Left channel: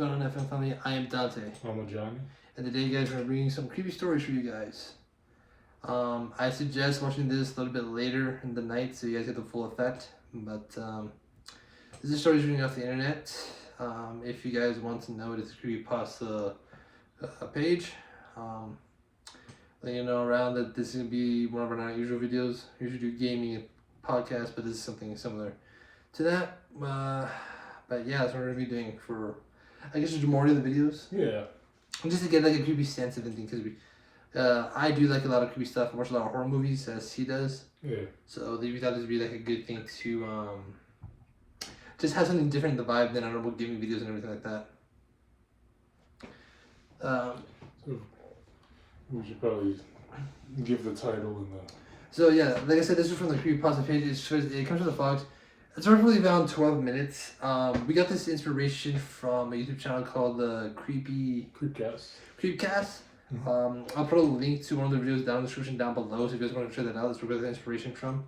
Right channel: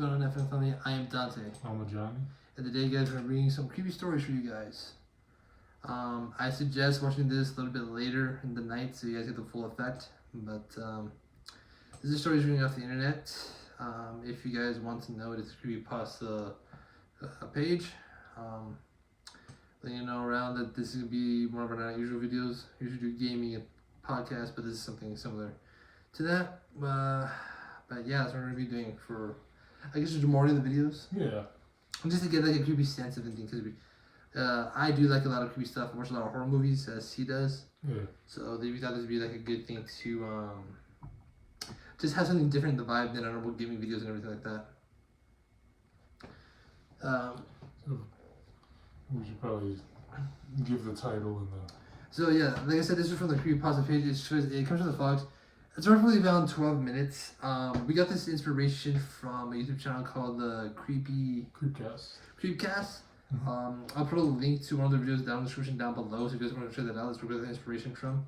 going on, FM family? I am Dante. I'm Johnny. And today, guys, we're bringing some creepy stories for you guys. I suggest watching this a little bit later in the night so you guys get the full effect. But this is stories reading off the internet. If you guys want to know, it is a creepypasta page. Letting you know around that this is going to be one of our non-usual videos. We usually do gaming and podcasts, but this is something similar to that. But yeah, that's what we're going to be doing for, I guess, the majority of the videos. Yeah. Just to get like a creepy sense of anything, because I do like a lot of creepy stuff. I watch a lot of horror movies, as he does. Yeah. So we thought this would be like a good thing to just have something different in the vibe than our normal gaming videos and everything like that. So we should probably give the title and the. So yeah, like I said, this is from the creepypasta page. It comes from the Fox. It's roughly around 12 minutes. We got this inspiration from a YouTube channel called the Creepcast. Mm-hmm. I'll put a link to one of the videos down in the description down below, so if you guys want to check that out. That's where we got the inspiration from.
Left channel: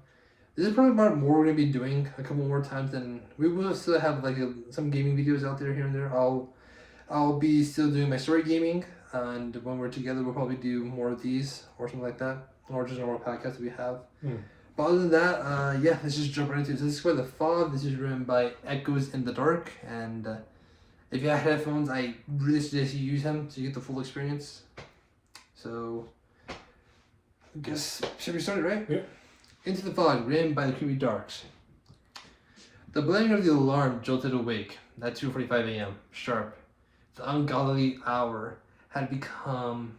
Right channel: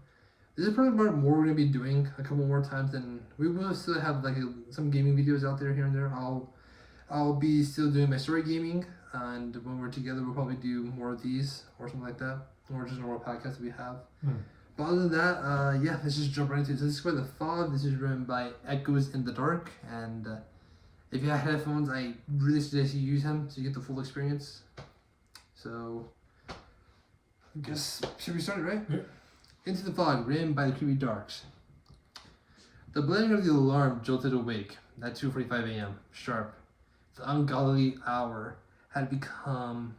This is probably about more we're gonna be doing a couple more times, than we will still have like some gaming videos out there here and there. I'll be still doing my story gaming, and when we're together, we'll probably do more of these or something like that, or just normal podcasts that we have. But other than that, yeah, let's just jump right into it. So this is for the Fog. This is written by Echoes in the Dark, and if you have headphones, I really suggest you use them to get the full experience. So, I guess, should we start it, right? Yeah. Into the Fog, written by the Creepy Darks. The blaring of the alarm jolted awake at 2:45 a.m. sharp. The ungodly hour had become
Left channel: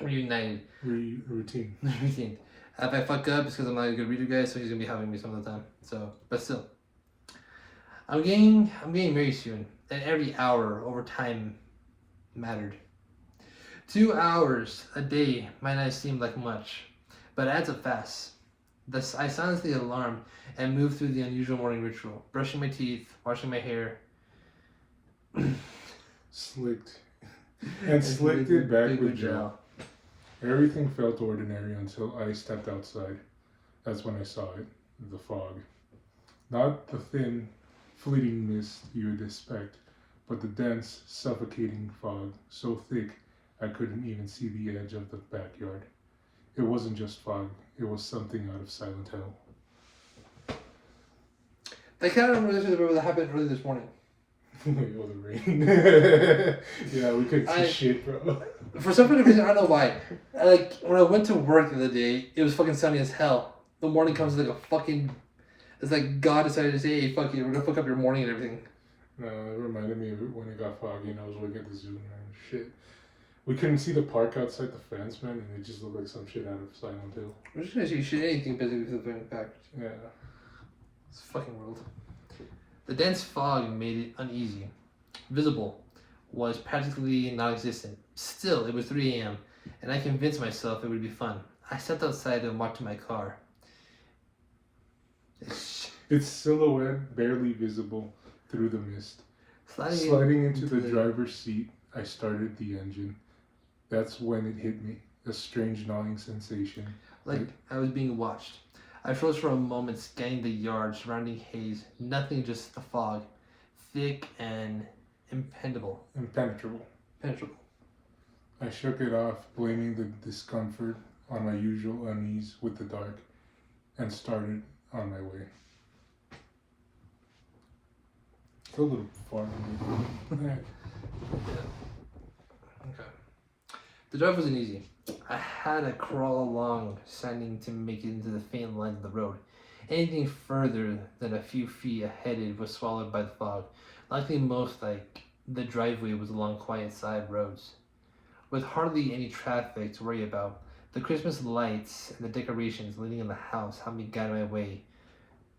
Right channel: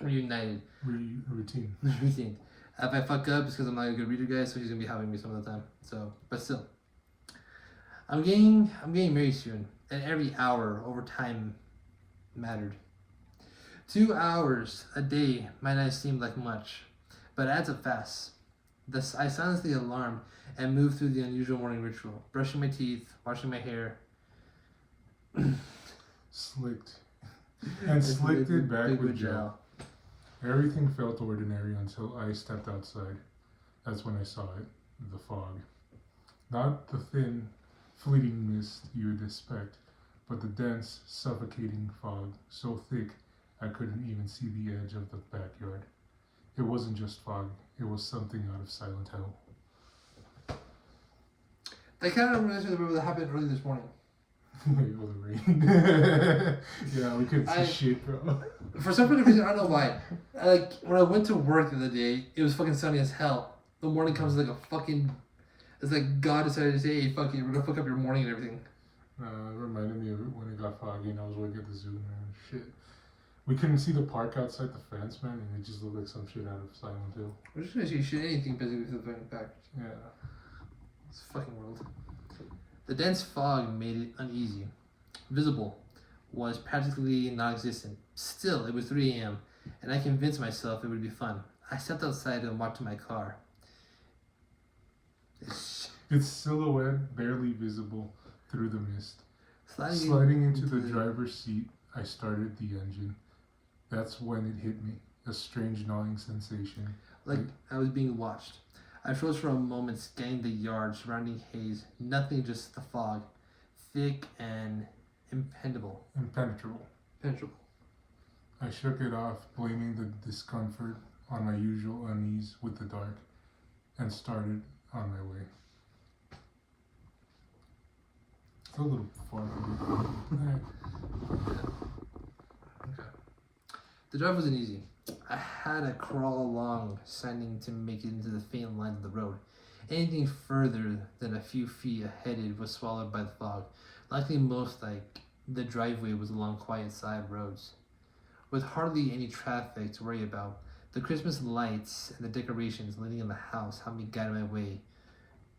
reunited. Routine. Routine. If I fuck up, it's because I'm not a good reader, guys, so he's gonna be helping me some of the time. So, but still, I'm getting married soon, and every hour over time mattered. 2 hours a day might not seem like much, but it adds up fast. Thus, I silenced the alarm and moved through the unusual morning ritual, brushing my teeth, washing my hair, Slicked it back with gel. Everything felt ordinary until I stepped outside. That's when I saw it, the fog. Not the thin, fleeting mist you would expect, but the dense, suffocating fog, so thick I couldn't even see the edge of the backyard. It wasn't just fog, it was something out of Silent Hill. That kind of reminds me of what happened early this morning. Oh, the rain. Yeah, we couldn't see shit, bro. For some reason, I don't know why. Like, when I went to work the other day, it was fucking sunny as hell. The morning comes like a fucking... It's like God decided to say, hey, fuck you, we're gonna fuck up your morning and everything. It reminded me of it when it got foggy and I was looking at the zoo and shit. We couldn't see the park outside the fence, man, and it just looked like some shit out of Silent Hill. We're just gonna see shit, anything basically with the package. Yeah. It's fucking world. The dense fog made it uneasy. Visible was practically non-existent. Still, it was 3 a.m., and I convinced myself it would be fun. I stepped outside and walked to my car. Its silhouette barely visible through the mist. Sliding into the driver's seat, I started the engine. That's when it hit me, a strange gnawing sensation. Like I was being watched. I froze for a moment, scanning the yard, surrounding haze. Nothing, just the fog. Thick and impenetrable. I shook it off, blaming the discomfort on my usual unease with the dark, and started on my way. It's a little far. Okay. The drive wasn't easy. I had to crawl along, standing to make it into the faint line of the road. Anything further than a few feet ahead was swallowed by the fog. Likely most like the driveway was along quiet side roads, with hardly any traffic to worry about. The Christmas lights and the decorations leading in the house helped me guide my way,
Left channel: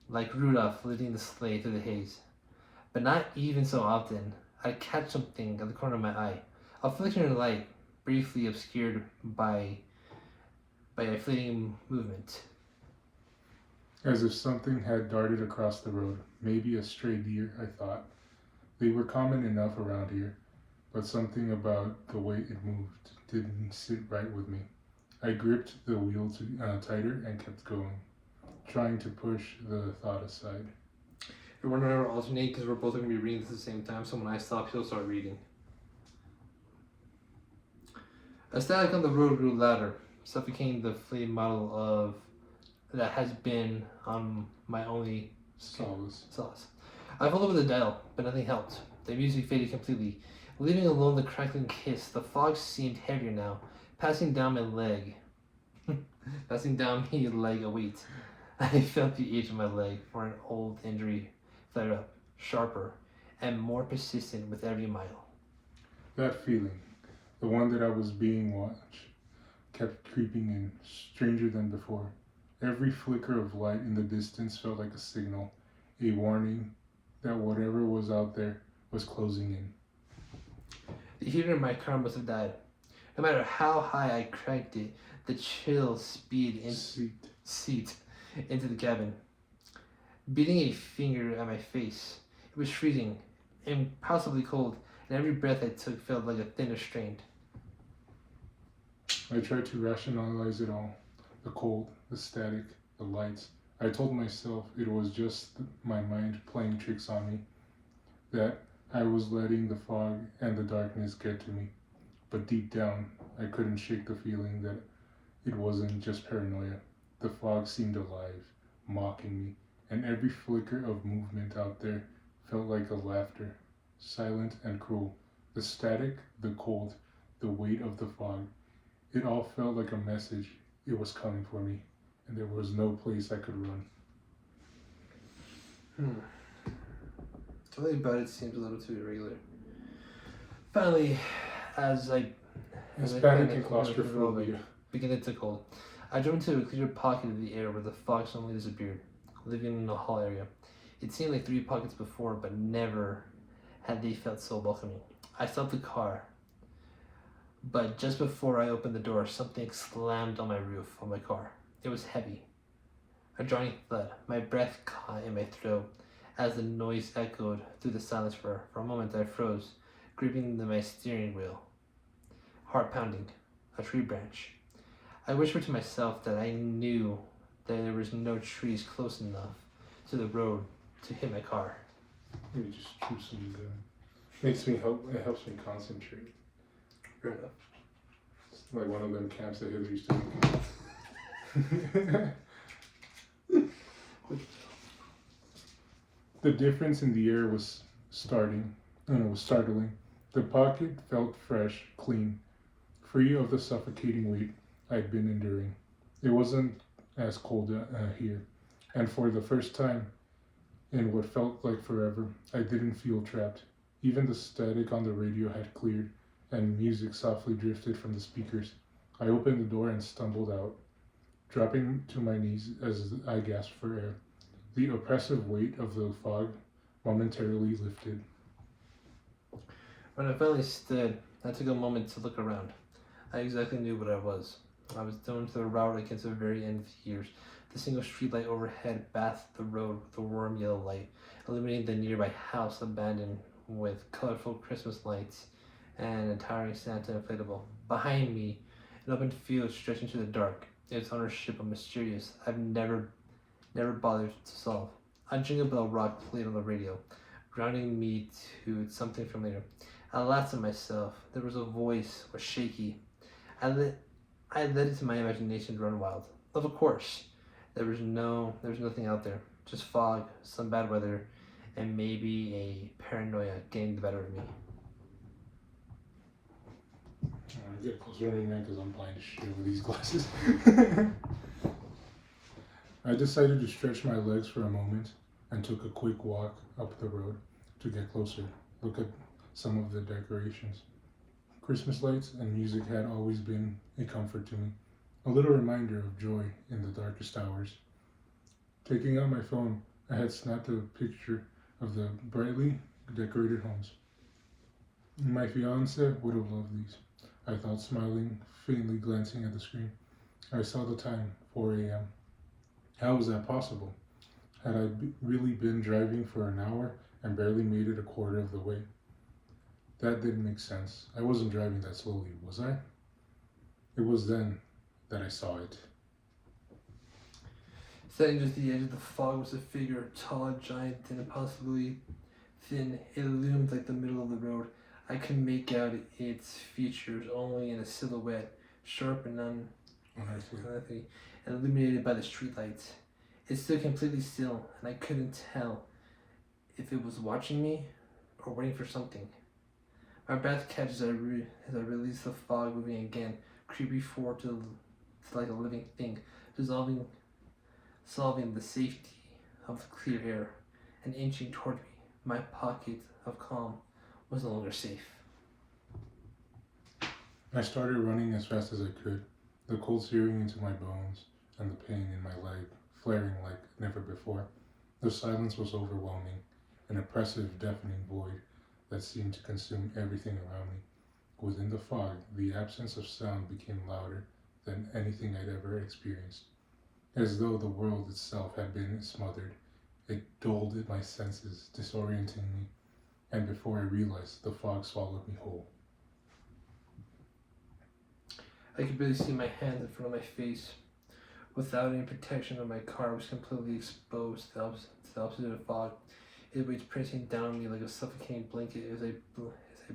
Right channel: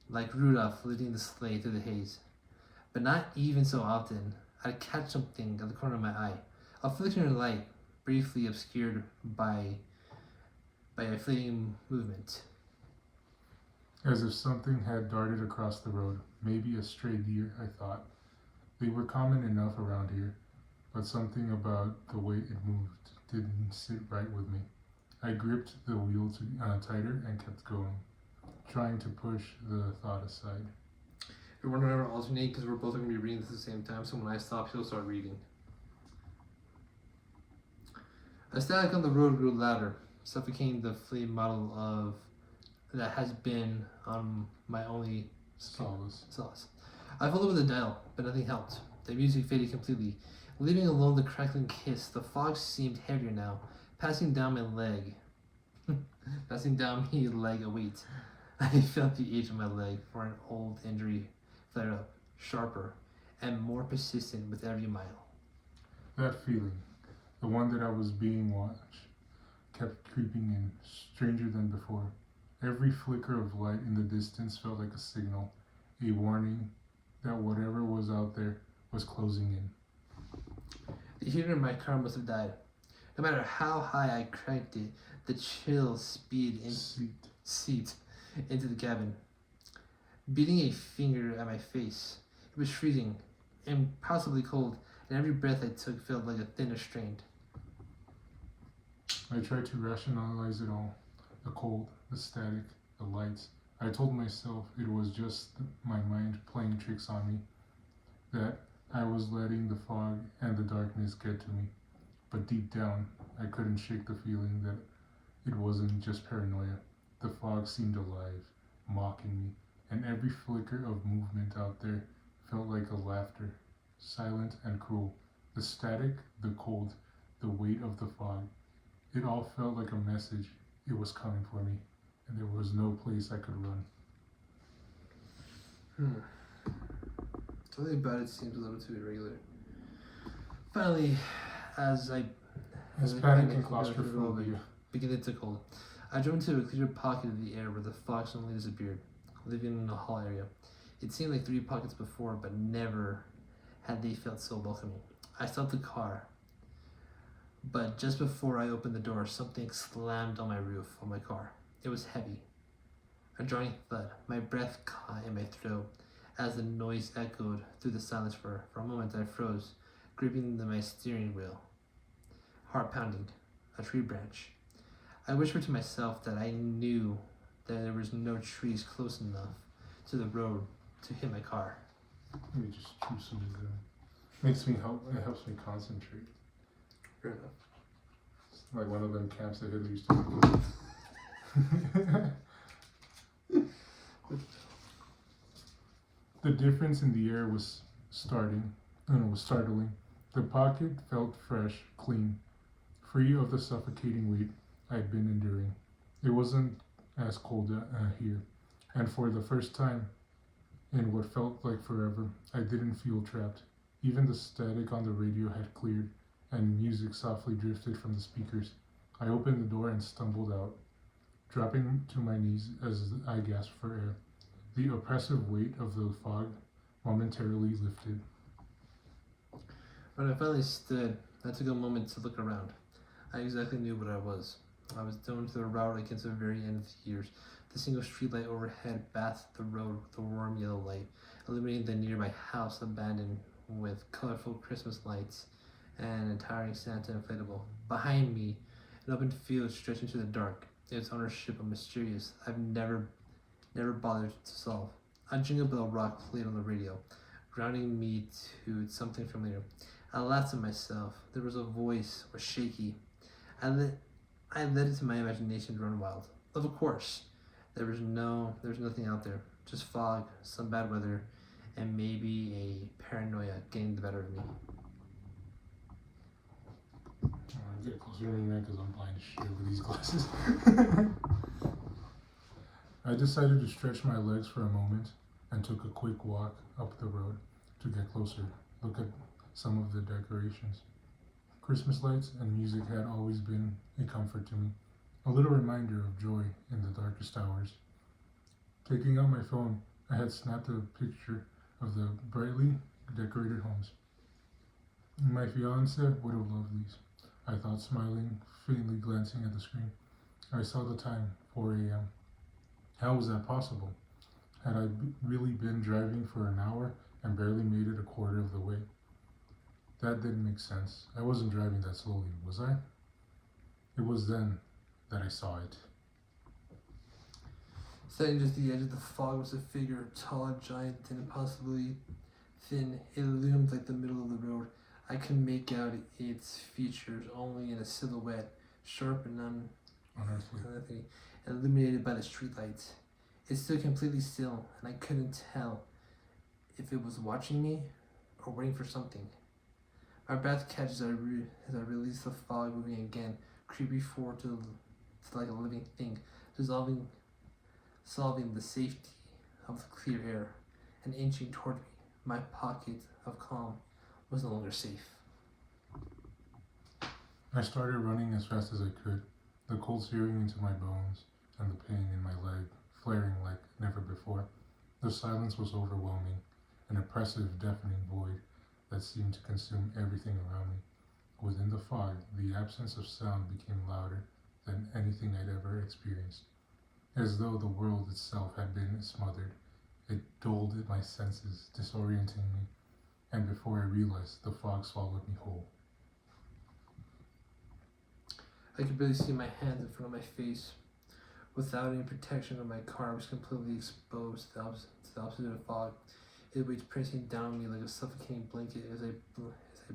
like Rudolph leading the sleigh through the haze. But not even so often, I'd catch something at the corner of my eye, a flickering light, briefly obscured by a fleeting movement. As if something had darted across the road. Maybe a stray deer, I thought. They were common enough around here, but something about the way it moved didn't sit right with me. I gripped the wheel tighter and kept going, trying to push the thought aside. It We weren't going to alternate because we're both going to be reading at the same time, so when I stop, he'll start reading. A static on the road grew louder, suffocating the fleeting model of that has been my only solace. I felt over the dial, but nothing helped. The music faded completely, leaving alone the crackling kiss. The fog seemed heavier now, passing down my leg. Passing down my leg a weight. I felt the edge of my leg, for an old injury flared up, sharper and more persistent with every mile. That feeling, the one that I was being watched, kept creeping in, stranger than before. Every flicker of light in the distance felt like a signal, a warning that whatever was out there was closing in. The heater in my car must have died. No matter how high I cranked it, the chill seeped into the cabin, beating a finger at my face. It was freezing, impossibly cold, and every breath I took felt like a thinner strain. I tried to rationalize it all. The cold, the static, the lights. I told myself it was just my mind playing tricks on me, that I was letting the fog and the darkness get to me. But deep down, I couldn't shake the feeling that it wasn't just paranoia. The fog seemed alive, mocking me, and every flicker of movement out there felt like a laughter, silent and cruel. The static, the cold, the weight of the fog. It all felt like a message. It was coming for me, and there was no place I could run. Something about it seems a little too irregular. Finally, as I panic and claustrophobia began to take hold, I drove into a clear pocket of the air where the fog suddenly disappeared, leaving in a hall area. It seemed like 3 pockets before, but never had they felt so welcoming. I stopped the car, but just before I opened the door, something slammed on my roof of my car. It was heavy, a jarring thud. My breath caught in my throat as the noise echoed through the silence. For a moment I froze, gripping my steering wheel, heart pounding, a tree branch. I whispered to myself that I knew that there was no trees close enough to the road to hit my car. Let me just chew some gum. It helps me concentrate. Fair enough. It's like one of them camps that Hitler used to make. The difference in the air was startling. The pocket felt fresh, clean, free of the suffocating weight I'd been enduring. It wasn't as cold here, and for the first time in what felt like forever, I didn't feel trapped. Even the static on the radio had cleared, and music softly drifted from the speakers. I opened the door and stumbled out, dropping to my knees as I gasped for air. The oppressive weight of the fog momentarily lifted. When I finally stood, I took a moment to look around. I exactly knew what I was. I was down to the route against the very end of the years. The single streetlight overhead bathed the road with a warm yellow light, illuminating the nearby house abandoned with colorful Christmas lights and a towering Santa inflatable. Behind me, an open field stretched into the dark, its ownership a mysterious I've never bothered to solve. A Jingle Bell Rock played on the radio, grounding me to something familiar. I laughed at myself. There was a voice, was shaky. I let it to my imagination to run wild. Of course, there was nothing out there. Just fog, some bad weather, and maybe a paranoia getting the better of me. Get closer to me, man, because I'm blind as shit with these glasses. I decided to stretch my legs for a moment and took a quick walk up the road to get closer, look at some of the decorations. Christmas lights and music had always been a comfort to me, a little reminder of joy in the darkest hours. Taking out my phone, I had snapped a picture of the brightly decorated homes. My fiance would have loved these, I thought, smiling, faintly glancing at the screen. I saw the time, 4 a.m. How was that possible? Had I really been driving for an hour and barely made it a quarter of the way? That didn't make sense. I wasn't driving that slowly, was I? It was then that I saw it. Standing just at the edge of the fog was a figure, tall, giant, and impossibly thin. It loomed like the middle of the road. I could make out its features only in a silhouette, sharp and unearthly, and illuminated by the streetlights. It stood completely still, and I couldn't tell if it was watching me or waiting for something. My breath catches as I release the fog, moving again, creepy forward to like a living thing, solving the safety of the clear air, and inching toward me. My pocket of calm was no longer safe. I started running as fast as I could, the cold searing into my bones and the pain in my leg flaring like never before. The silence was overwhelming, an oppressive, deafening void that seemed to consume everything around me. Within the fog, the absence of sound became louder than anything I'd ever experienced, as though the world itself had been smothered. It dulled at my senses, disorienting me, and before I realized, the fog swallowed me whole. I could barely see my hands in front of my face. Without any protection on my car, I was completely exposed to the opposite of fog. It was pressing down on me like a suffocating blanket as I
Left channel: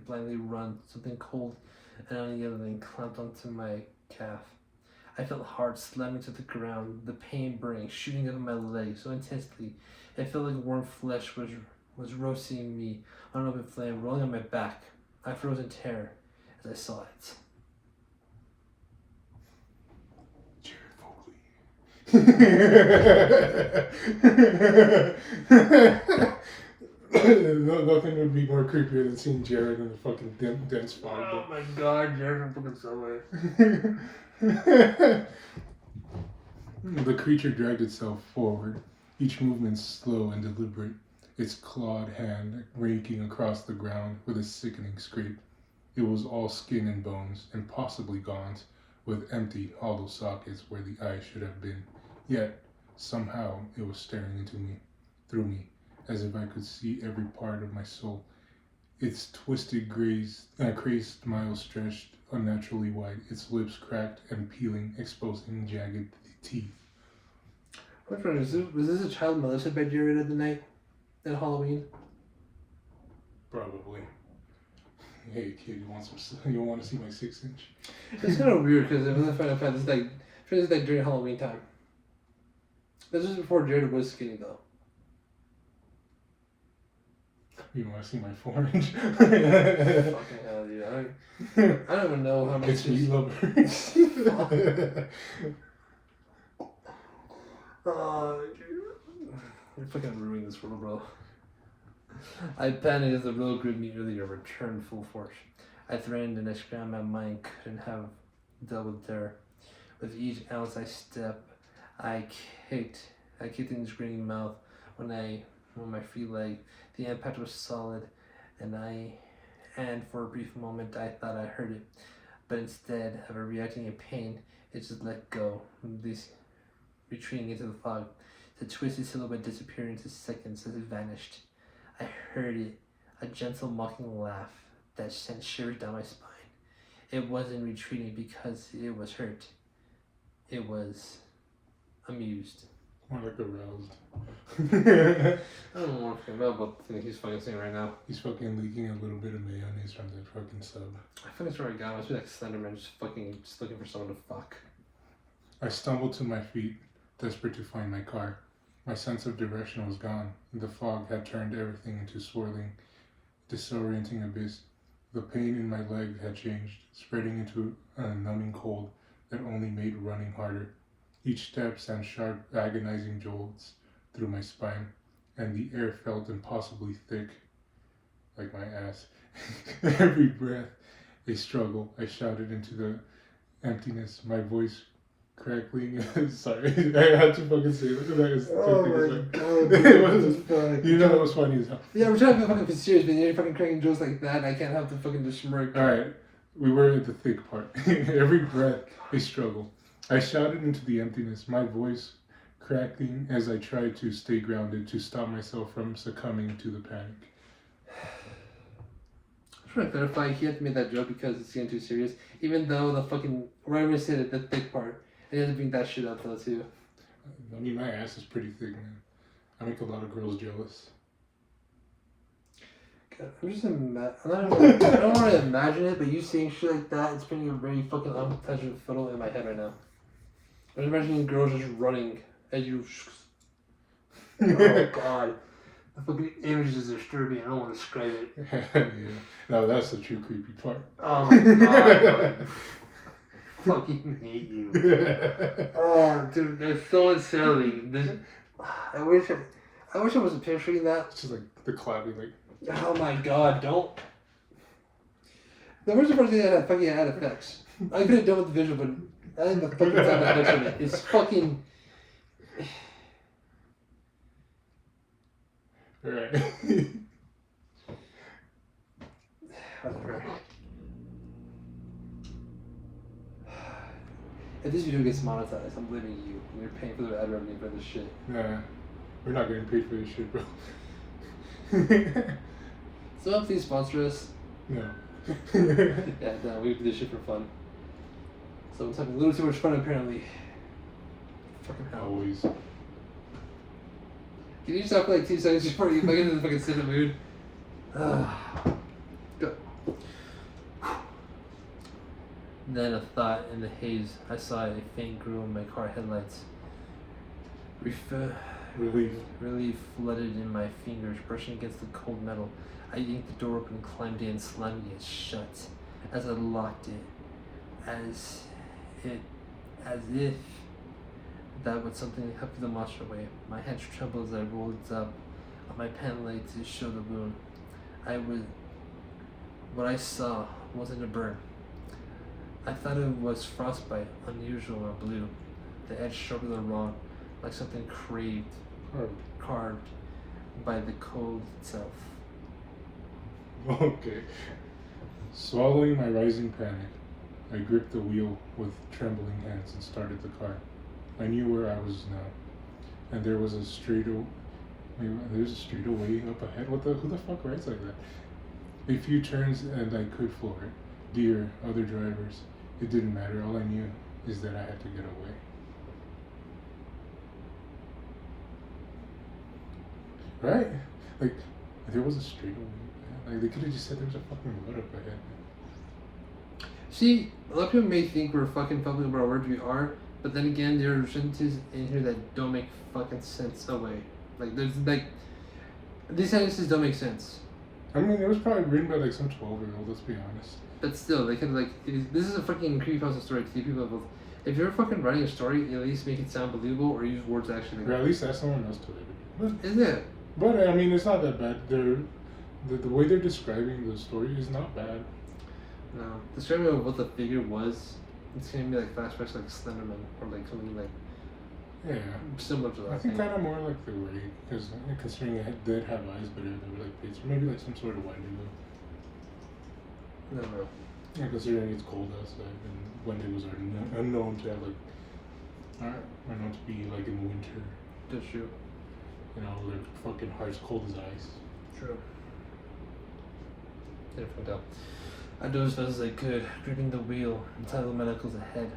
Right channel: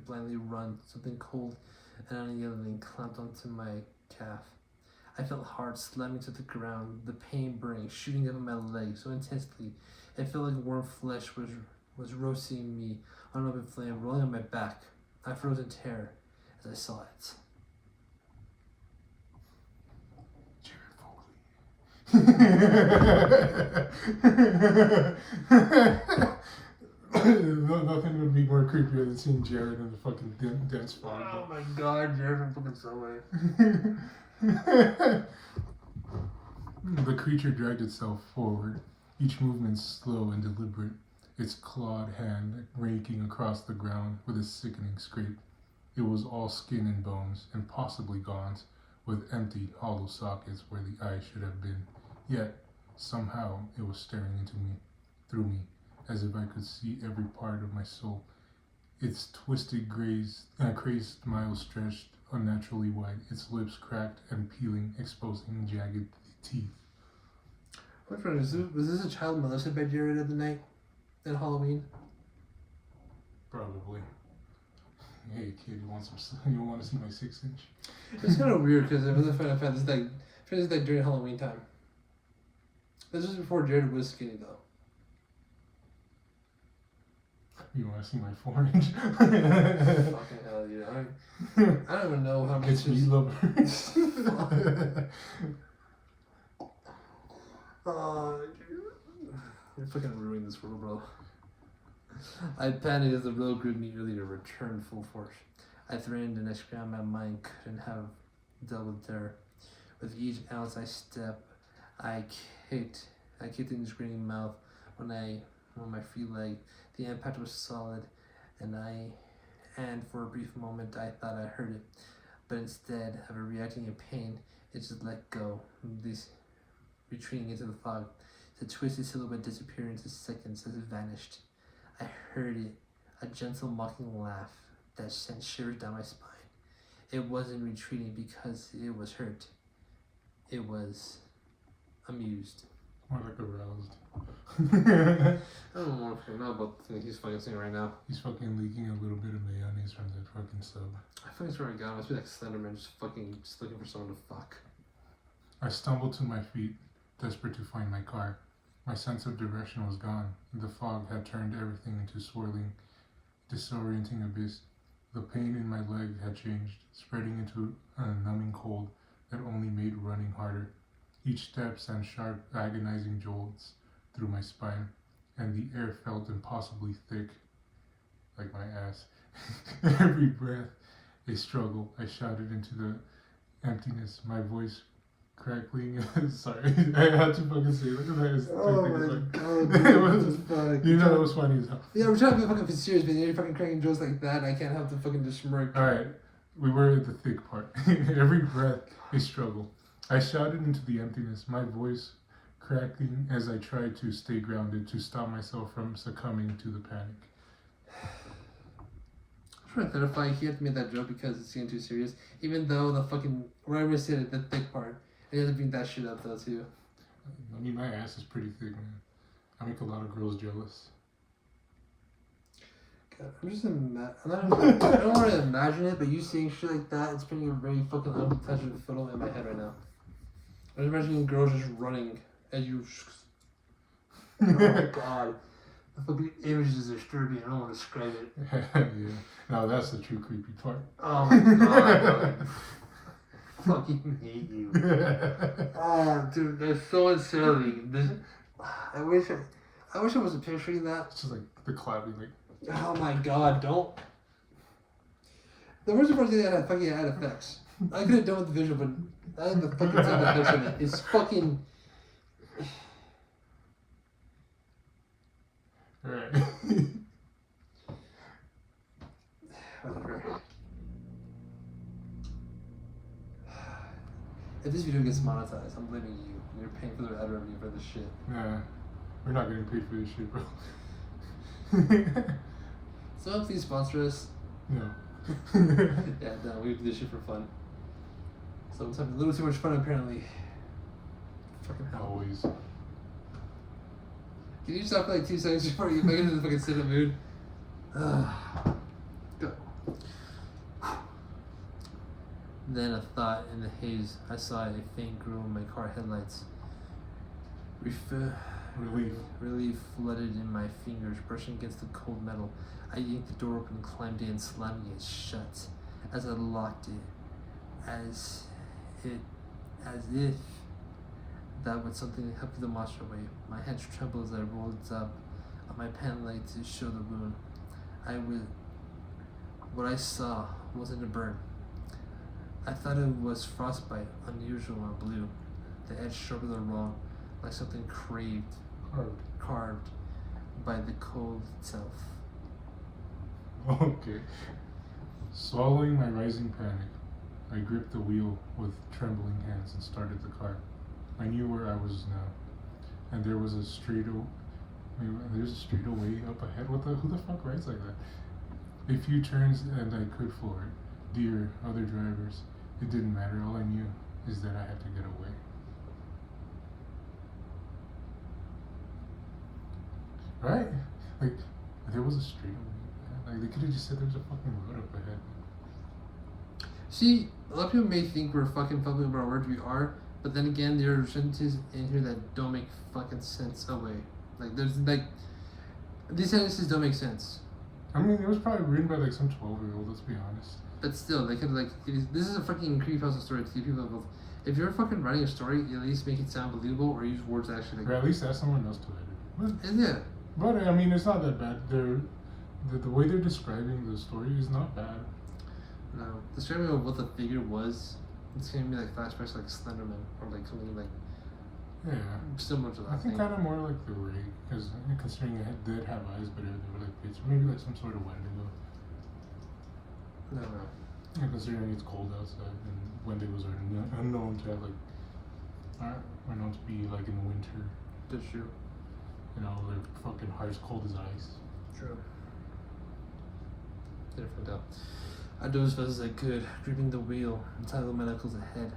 blindly run. Something cold and unyielding clamped onto my calf. I felt hard slamming to the ground, the pain burning, shooting up my leg so intensely. It felt like warm flesh was roasting me on an open flame, rolling on my back. I froze in terror as I saw it. Nothing would be more creepier than seeing Jared in the fucking dense fog. Oh my god, Jared from fucking Subway. The creature dragged itself forward, each movement slow and deliberate, its clawed hand raking across the ground with a sickening scrape. It was all skin and bones, and possibly gaunt, with empty, hollow sockets where the eyes should have been. Yet, somehow, it was staring through me, as if I could see every part of my soul. Its twisted, crazed smile stretched unnaturally wide, its lips cracked and peeling, exposing jagged teeth. Which one was this a child molested by Jared at the night at Halloween? Probably. Hey kid, you want to see my 6-inch? It's kind of weird because it was Final Fantasy like during Halloween time. This was before Jared was skinny though. You want to see my 4-inch? Fucking hell, dude. I don't even know how many. It's meat lovers. Oh, dude. You're fucking ruining this world, bro. I panicked as the road grew nearly returned full force. I threatened and I scrambled. My mind couldn't have dealt with terror. With each ounce I step, I kicked in his grinning mouth on my free leg. The impact was solid, and for a brief moment I thought I heard it, but instead of reacting in pain, it just let go, retreating into the fog. The twisted silhouette disappeared into seconds as it vanished. I heard it, a gentle mocking laugh that sent shivers down my spine. It wasn't retreating because it was hurt. It was amused. More like aroused. I don't know about the thing he's fucking saying right now. He's fucking leaking a little bit of mayonnaise from that fucking sub. I fucking swear to God, I must be like Slenderman just looking for someone to fuck. I stumbled to my feet, desperate to find my car. My sense of direction was gone. The fog had turned everything into swirling, disorienting abyss. The pain in my leg had changed, spreading into a numbing cold that only made running harder. Each step sent sharp, agonizing jolts through my spine, and the air felt impossibly thick, like my ass. Every breath, a struggle. I shouted into the emptiness, my voice crackling. Sorry, I had to fucking say that. Oh my God. It was funny. You know it was funny as hell. Yeah, we're trying to be fucking serious, but you're fucking cracking jokes like that, and I can't help to fucking just smirk. Alright, we were at the thick part. Every breath, a struggle. I shouted into the emptiness, my voice cracking as I tried to stay grounded to stop myself from succumbing to the panic. I'm trying to clarify, he had to make that joke because it's getting too serious, even though the fucking, whenever he said it, the thick part, and he had to bring that shit up though too. I mean, my ass is pretty thick, man. I make a lot of girls jealous. God, I'm just I don't want to imagine it, but you saying shit like that, it's putting a very fucking unpleasant photo in my head right now. I'm imagining girls just running at you. Oh god. The fucking image is disturbing. I don't want to describe it. Yeah. No, that's the true creepy part. Oh my god. I fucking hate you. Oh, dude, that's so unsettling. I wish I wasn't picturing that. It's just like the clapping, like. Oh my god, don't. The worst part is that I fucking had effects. I could have done with the visual, but I think the fucking sound effects on it is fucking. Alright. If this video gets monetized, I'm blaming you. You're paying for the ad revenue for this shit. Nah, we're not getting paid for this shit, bro. So please sponsor us. No. Yeah, no, we do this shit for fun. So I'm having a little too much fun apparently. Fucking hell. Always. Can you stop for like 2 seconds before you get into the fucking cinema mood? Go. Then a thought in the haze. I saw a faint glow in my car headlights. Relief flooded in my fingers, brushing against the cold metal. I yanked the door open, climbed in, slamming it shut. As I locked it, as if that would something help the monster away. My hands trembled as I rolled up on my pant leg to show the wound. What I saw wasn't a burn. I thought it was frostbite, unusual or blue. The edge sharper than wrong, like something carved by the cold itself. Okay. Swallowing my rising panic, I gripped the wheel with trembling hands and started the car. I knew where I was now, and there was a straightaway up ahead. Who the fuck rides like that? A few turns and I could floor it. Dear other drivers, it didn't matter. All I knew is that I had to get away. Right? Like, there was a straightaway. Like, they could have just said there was a fucking road up ahead. See, a lot of people may think we're fucking public about our words, we are, but then again, there are sentences in here that don't make fucking sense away. Like, there's like, these sentences don't make sense. I mean, it was probably written by like some 12-year-old, let's be honest. But still, they could like, this is a fucking creepypasta story to the people both. If you're fucking writing a story, at least make it sound believable or use words that actually. Or at least ask someone else to write it. Is it? But I mean, it's not that bad. The way they're describing the story is not bad. No, describing what the figure was, it's gonna be like flashbacks like Slenderman or like something like similar to that. I think kind of more like the Ray, because considering it did have eyes, but they were like pits, or maybe like some sort of Wendigo. No. Yeah, considering it's cold outside and Wendigos are unknown to have are known to be like in winter. That's true. You know, their fucking heart's cold as ice. True. Get it fucked up. I dove as fast as I could, gripping the wheel until my knuckles ahead.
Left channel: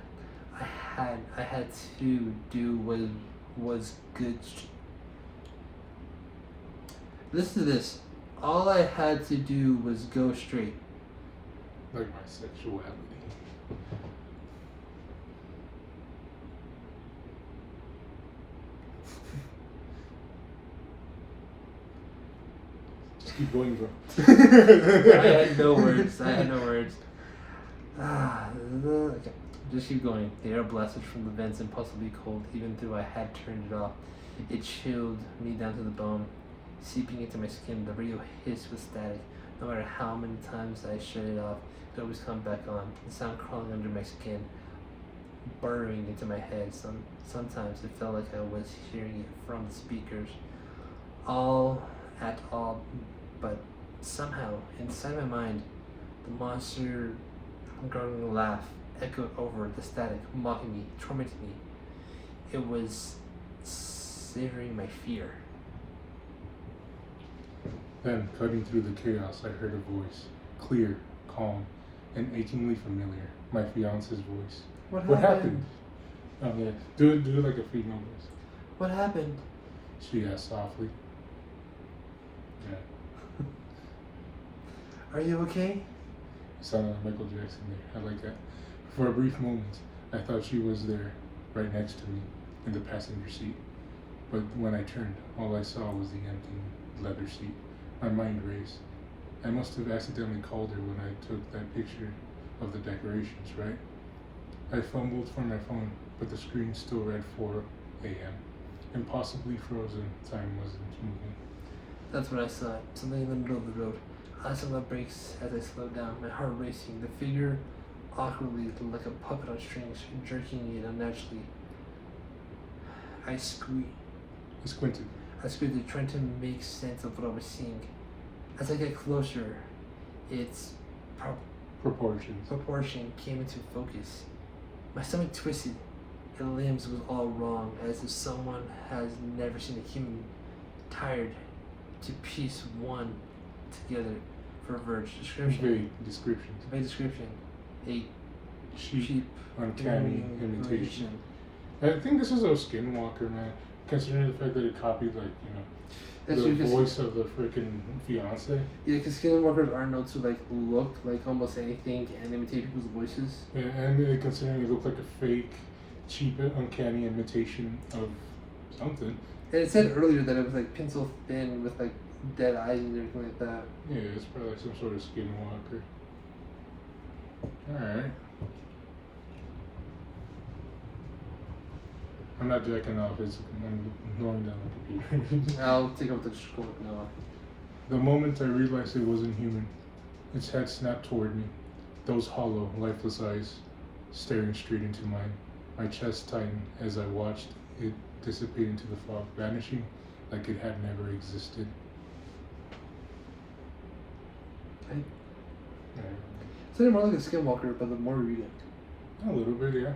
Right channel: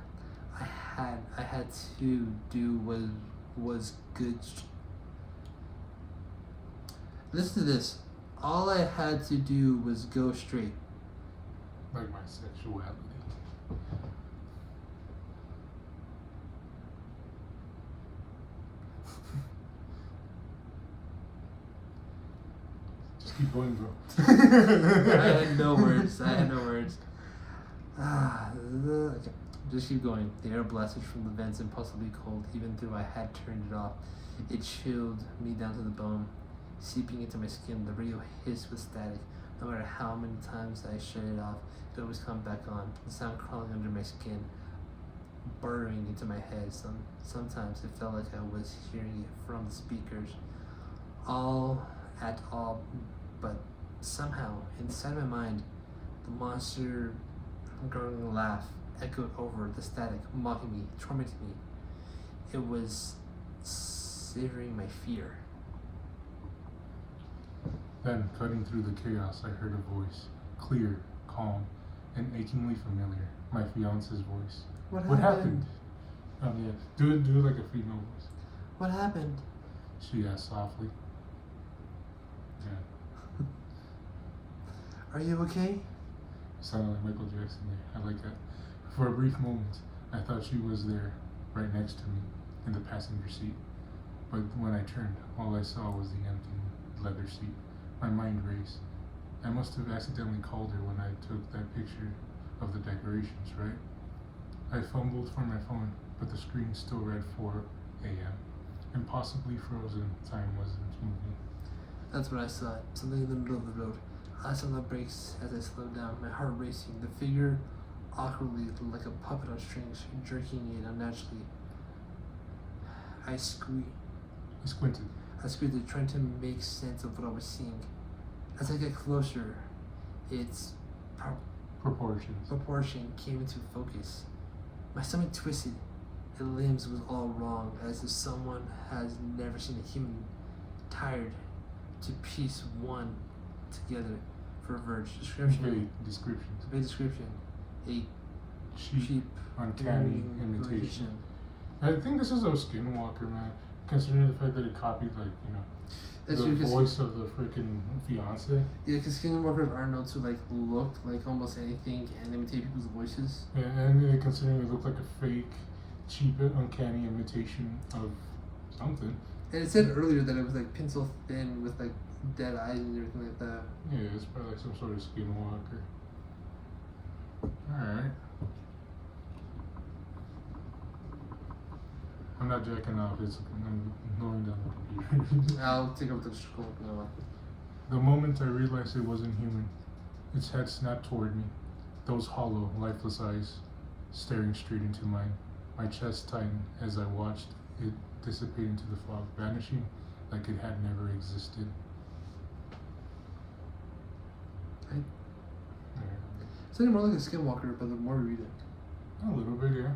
I had to do what was good. Listen to this. All I had to do was go straight. Like my sexuality. Just keep going, bro. I had no words. Just keep going. The air blasted from the vents impossibly cold, even though I had turned it off. It chilled me down to the bone, seeping into my skin. The radio hissed with static. No matter how many times I shut it off, it always come back on. The sound crawling under my skin, burrowing into my head. Sometimes it felt like I was hearing it from the speakers. But somehow, inside my mind, the monster gargling laugh echoed over the static, mocking me, tormenting me. It was savoring my fear. Then, cutting through the chaos, I heard a voice, clear, calm, and achingly familiar. My fiance's voice. What happened? Oh yeah, do like a female voice. What happened? She asked softly. Yeah. Are you okay? It sounded like Michael Jackson there. I like that. For a brief moment, I thought she was there, right next to me, in the passenger seat. But when I turned, all I saw was the empty leather seat. My mind raced. I must have accidentally called her when I took that picture of the decorations, right? I fumbled for my phone, but the screen still read 4 a.m. Impossibly frozen. Time wasn't moving. That's what I saw. Something in the middle of the road. I slammed my brakes as I slowed down, my heart racing. The figure awkwardly like a puppet on strings, jerking it unnaturally. I squeaked. I squinted. I squinted, trying to make sense of what I was seeing. As I get closer, its Proportions. proportion came into focus. My stomach twisted. The limbs was all wrong, as if someone has never seen a human tired to piece one together for a verge. Description. Description. Vague description. A cheap uncanny imitation. I think this is a Skinwalker, man. Considering the fact that it copied, like, That's the true, voice of the freaking fiance. Yeah, because skinwalkers are known to like look like almost anything and imitate people's voices. Yeah, and considering it looked like a fake, cheap, uncanny imitation of something. And it said earlier that it was like pencil thin with like dead eyes and everything like that. Yeah, it's probably like some sort of Skinwalker. Alright. I'm not jacking off, I'm ignoring down the computer. I'll take up the scroll now. The moment I realized it wasn't human, its head snapped toward me, those hollow, lifeless eyes staring straight into mine. My chest tightened as I watched it dissipate into the fog, vanishing like it had never existed. It's more like a skinwalker, but the more we read it. A little bit, yeah.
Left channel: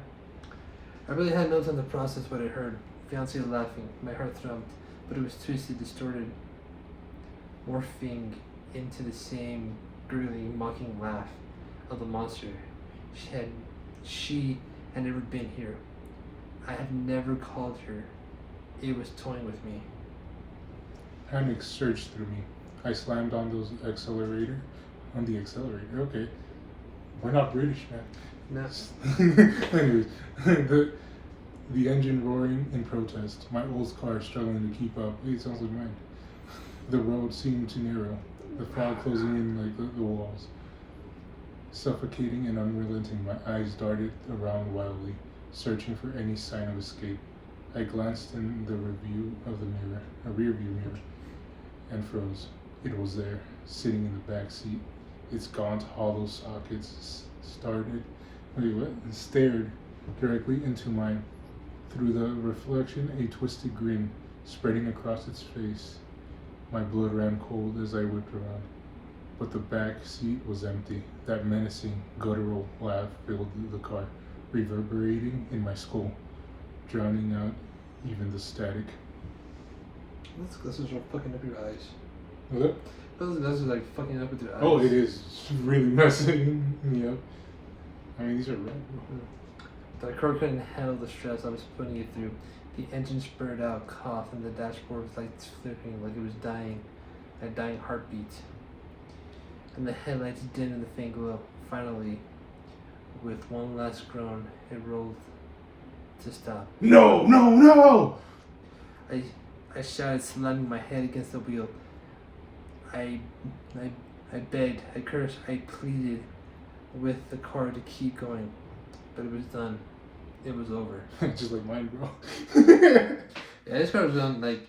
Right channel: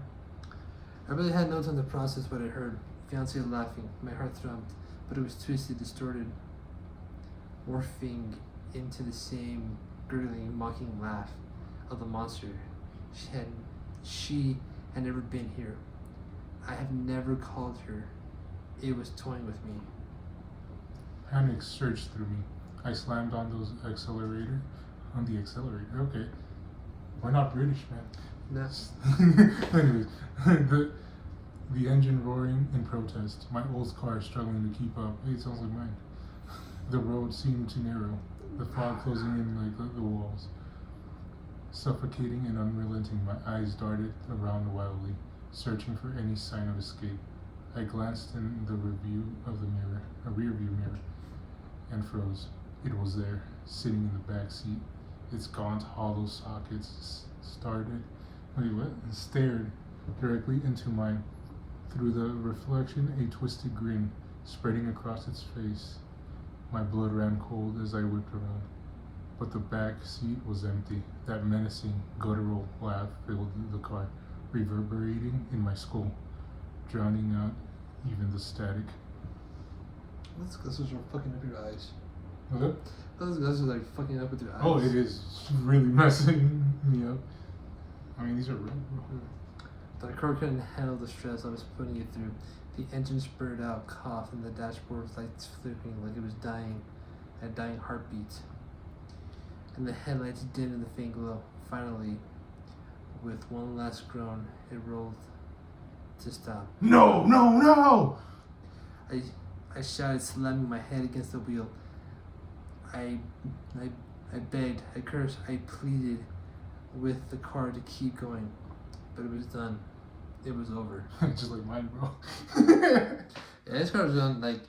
I really had no time to process what I heard. Fiance laughing, my heart throbbed, but it was twisted, distorted, morphing into the same gurgling, mocking laugh of the monster. She had never been here. I had never called her. It was toying with me. Panic surged through me. I slammed on the accelerator. Okay. We're not British, man. No. Anyways, the engine roaring in protest. My old car struggling to keep up. It sounds like mine. The road seemed too narrow. The fog closing in like the walls. Suffocating and unrelenting, my eyes darted around wildly, searching for any sign of escape. I glanced in the rear view mirror, and froze. It was there, sitting in the back seat. Its gaunt, hollow sockets stared directly into mine. Through the reflection, a twisted grin spreading across its face. My blood ran cold as I whipped around. But the back seat was empty. That menacing, guttural laugh filled the car, reverberating in my skull, drowning out even the static. This is fucking up your eyes. What? This is like fucking up with your eyes. Oh, it is really messing me up. I mean, these are red. The car couldn't handle the stress I was putting it through. The engine spurred out, cough, and the dashboard was like flipping, like it was dying, a dying heartbeat. And the headlights dimmed in the faint glow. Finally, with one last groan, it rolled to stop. No! I shouted, slamming my head against the wheel. I begged, I cursed, I pleaded with the car to keep going, but it was done. It was over. Just like mine, bro. Yeah, this car was done. Like,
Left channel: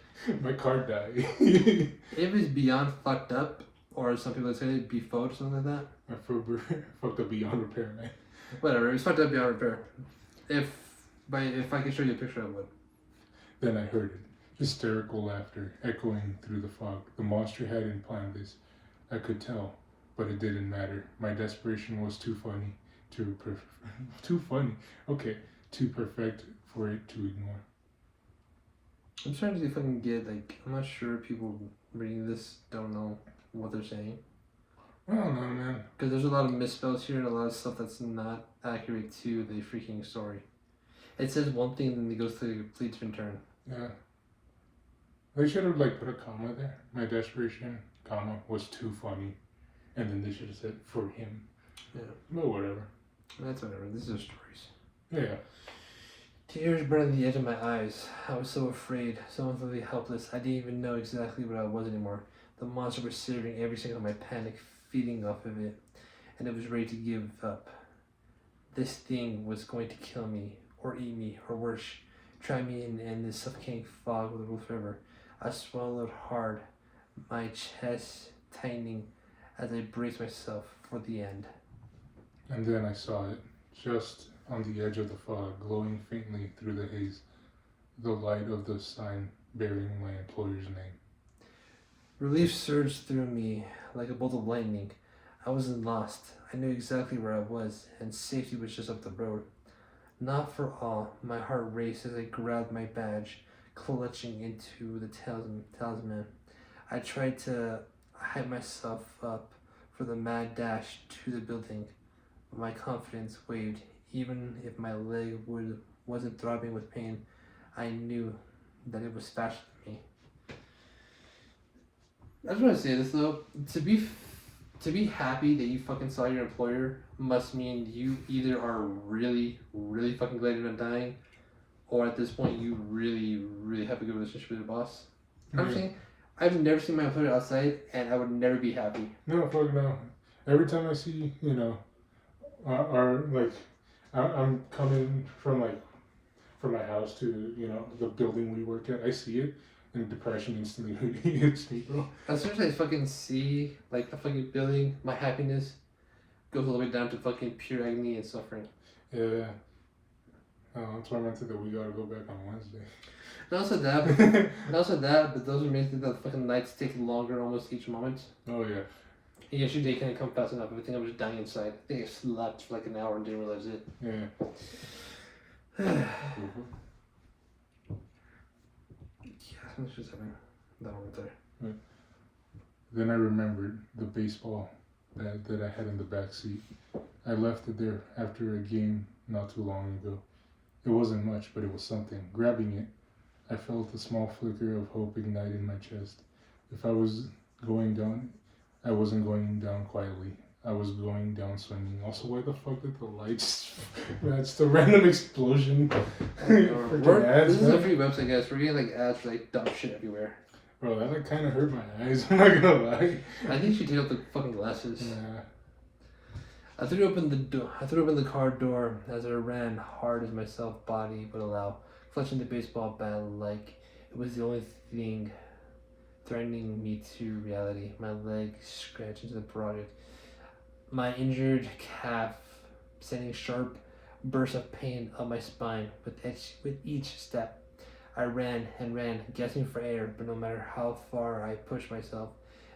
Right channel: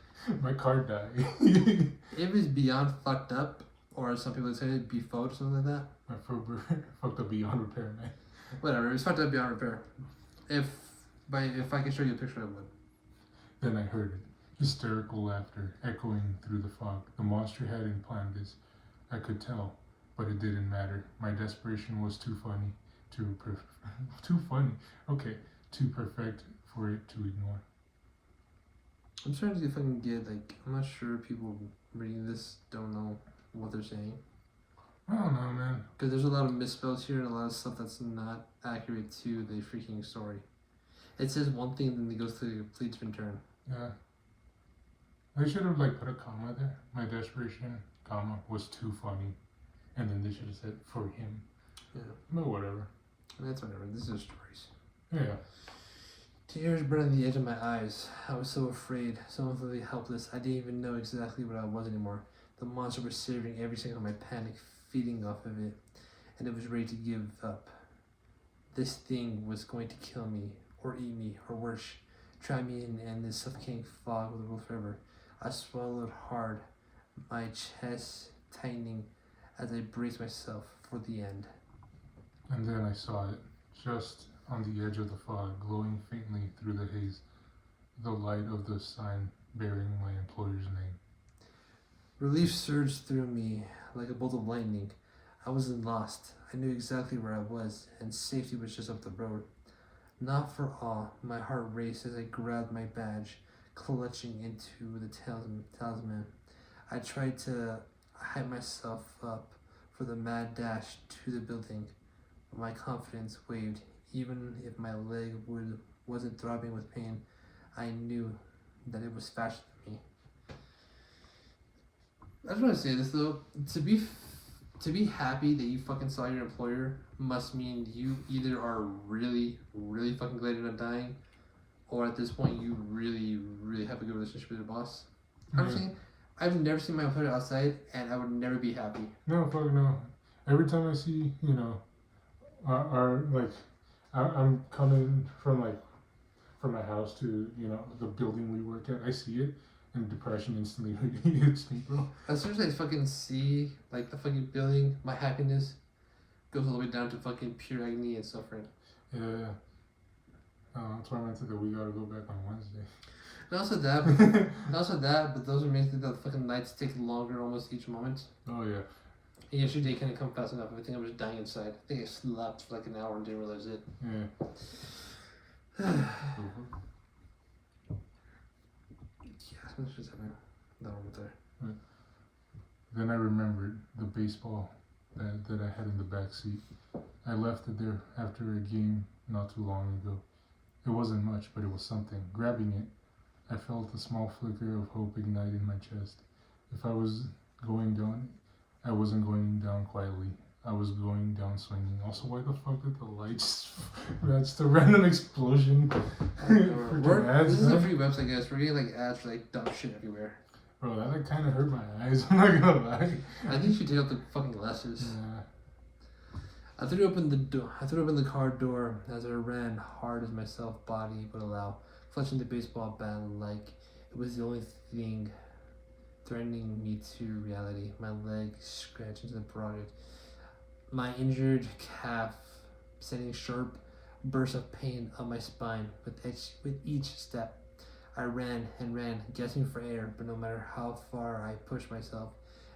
my car died. it was beyond fucked up, or some people would say it'd be fucked or something like that. I fucked up beyond repair, man. Whatever, it was fucked up beyond repair. If I could show you a picture, I would. Then I heard it. Hysterical laughter echoing through the fog. The monster hadn't planned this. I could tell, but it didn't matter. My desperation was too funny too perfect for it to ignore. I'm trying to see if I can get, like, I'm not sure people reading this don't know what they're saying. I don't know, man. Because there's a lot of misspells here and a lot of stuff that's not accurate to the freaking story. It says one thing, then it goes to a complete different turn. Yeah. They should have like put a comma there. My desperation, comma, was too funny. And then they should have said for him. Yeah. But whatever. That's whatever. These are stories. Yeah. Tears burned the edge of my eyes. I was so afraid, so utterly helpless. I didn't even know exactly what I was anymore. The monster was serving every single of my panic, feeding off of it, and it was ready to give up. This thing was going to kill me, or eat me, or worse, try me in this suffocating fog with a roof forever. I swallowed hard, my chest tightening as I braced myself for the end. And then I saw it, just on the edge of the fog, glowing faintly through the haze, the light of the sign bearing my employer's name. Relief surged through me like a bolt of lightning. I wasn't lost. I knew exactly where I was, and safety was just up the road. Not for all, my heart raced as I grabbed my badge, clutching into the talisman. I tried to hype myself up for the mad dash to the building, but my confidence wavered. Even if my leg wasn't throbbing with pain, I knew that it was faster than me. I just want to say this though, to be happy that you fucking saw your employer must mean you either are really, really fucking glad you're not dying, or at this point you really, really have a good relationship with your boss. I'm saying, I've never seen my employer outside, and I would never be happy. No, fuck no. Every time I see, I'm coming from from my house to, the building we work at, I see it, and depression instantly hits me, bro. As soon as I fucking see, the fucking building, my happiness goes all the way down to fucking pure agony and suffering. Yeah. That's why I meant that we gotta go back on Wednesday. Not also that, but those are amazing that the fucking nights take longer almost each moment. Oh, yeah. Yesterday couldn't come fast enough. I think I was dying inside. I think I slept for an hour and didn't realize it. Yeah. That's just having that moment there. Right. Then I remembered the baseball that I had in the back seat. I left it there after a game not too long ago. It wasn't much, but it was something. Grabbing it, I felt a small flicker of hope ignite in my chest. If I was going down, I wasn't going down quietly. I was going down swinging. Also, why the fuck did the lights match the random explosion? This is a free website, guys. We're getting ads for dumb shit everywhere. Bro, that kind of hurt my eyes. I'm not gonna lie. I think you should take out the fucking glasses. Yeah. I threw open the door. I threw open the car door as I ran hard as my self body would allow, clutching the baseball bat like it was the only thing threatening me to reality. My leg scratched into the parotid. My injured calf sending sharp bursts of pain up my spine with each step. I ran and ran, gasping for air, but no matter how far I pushed myself,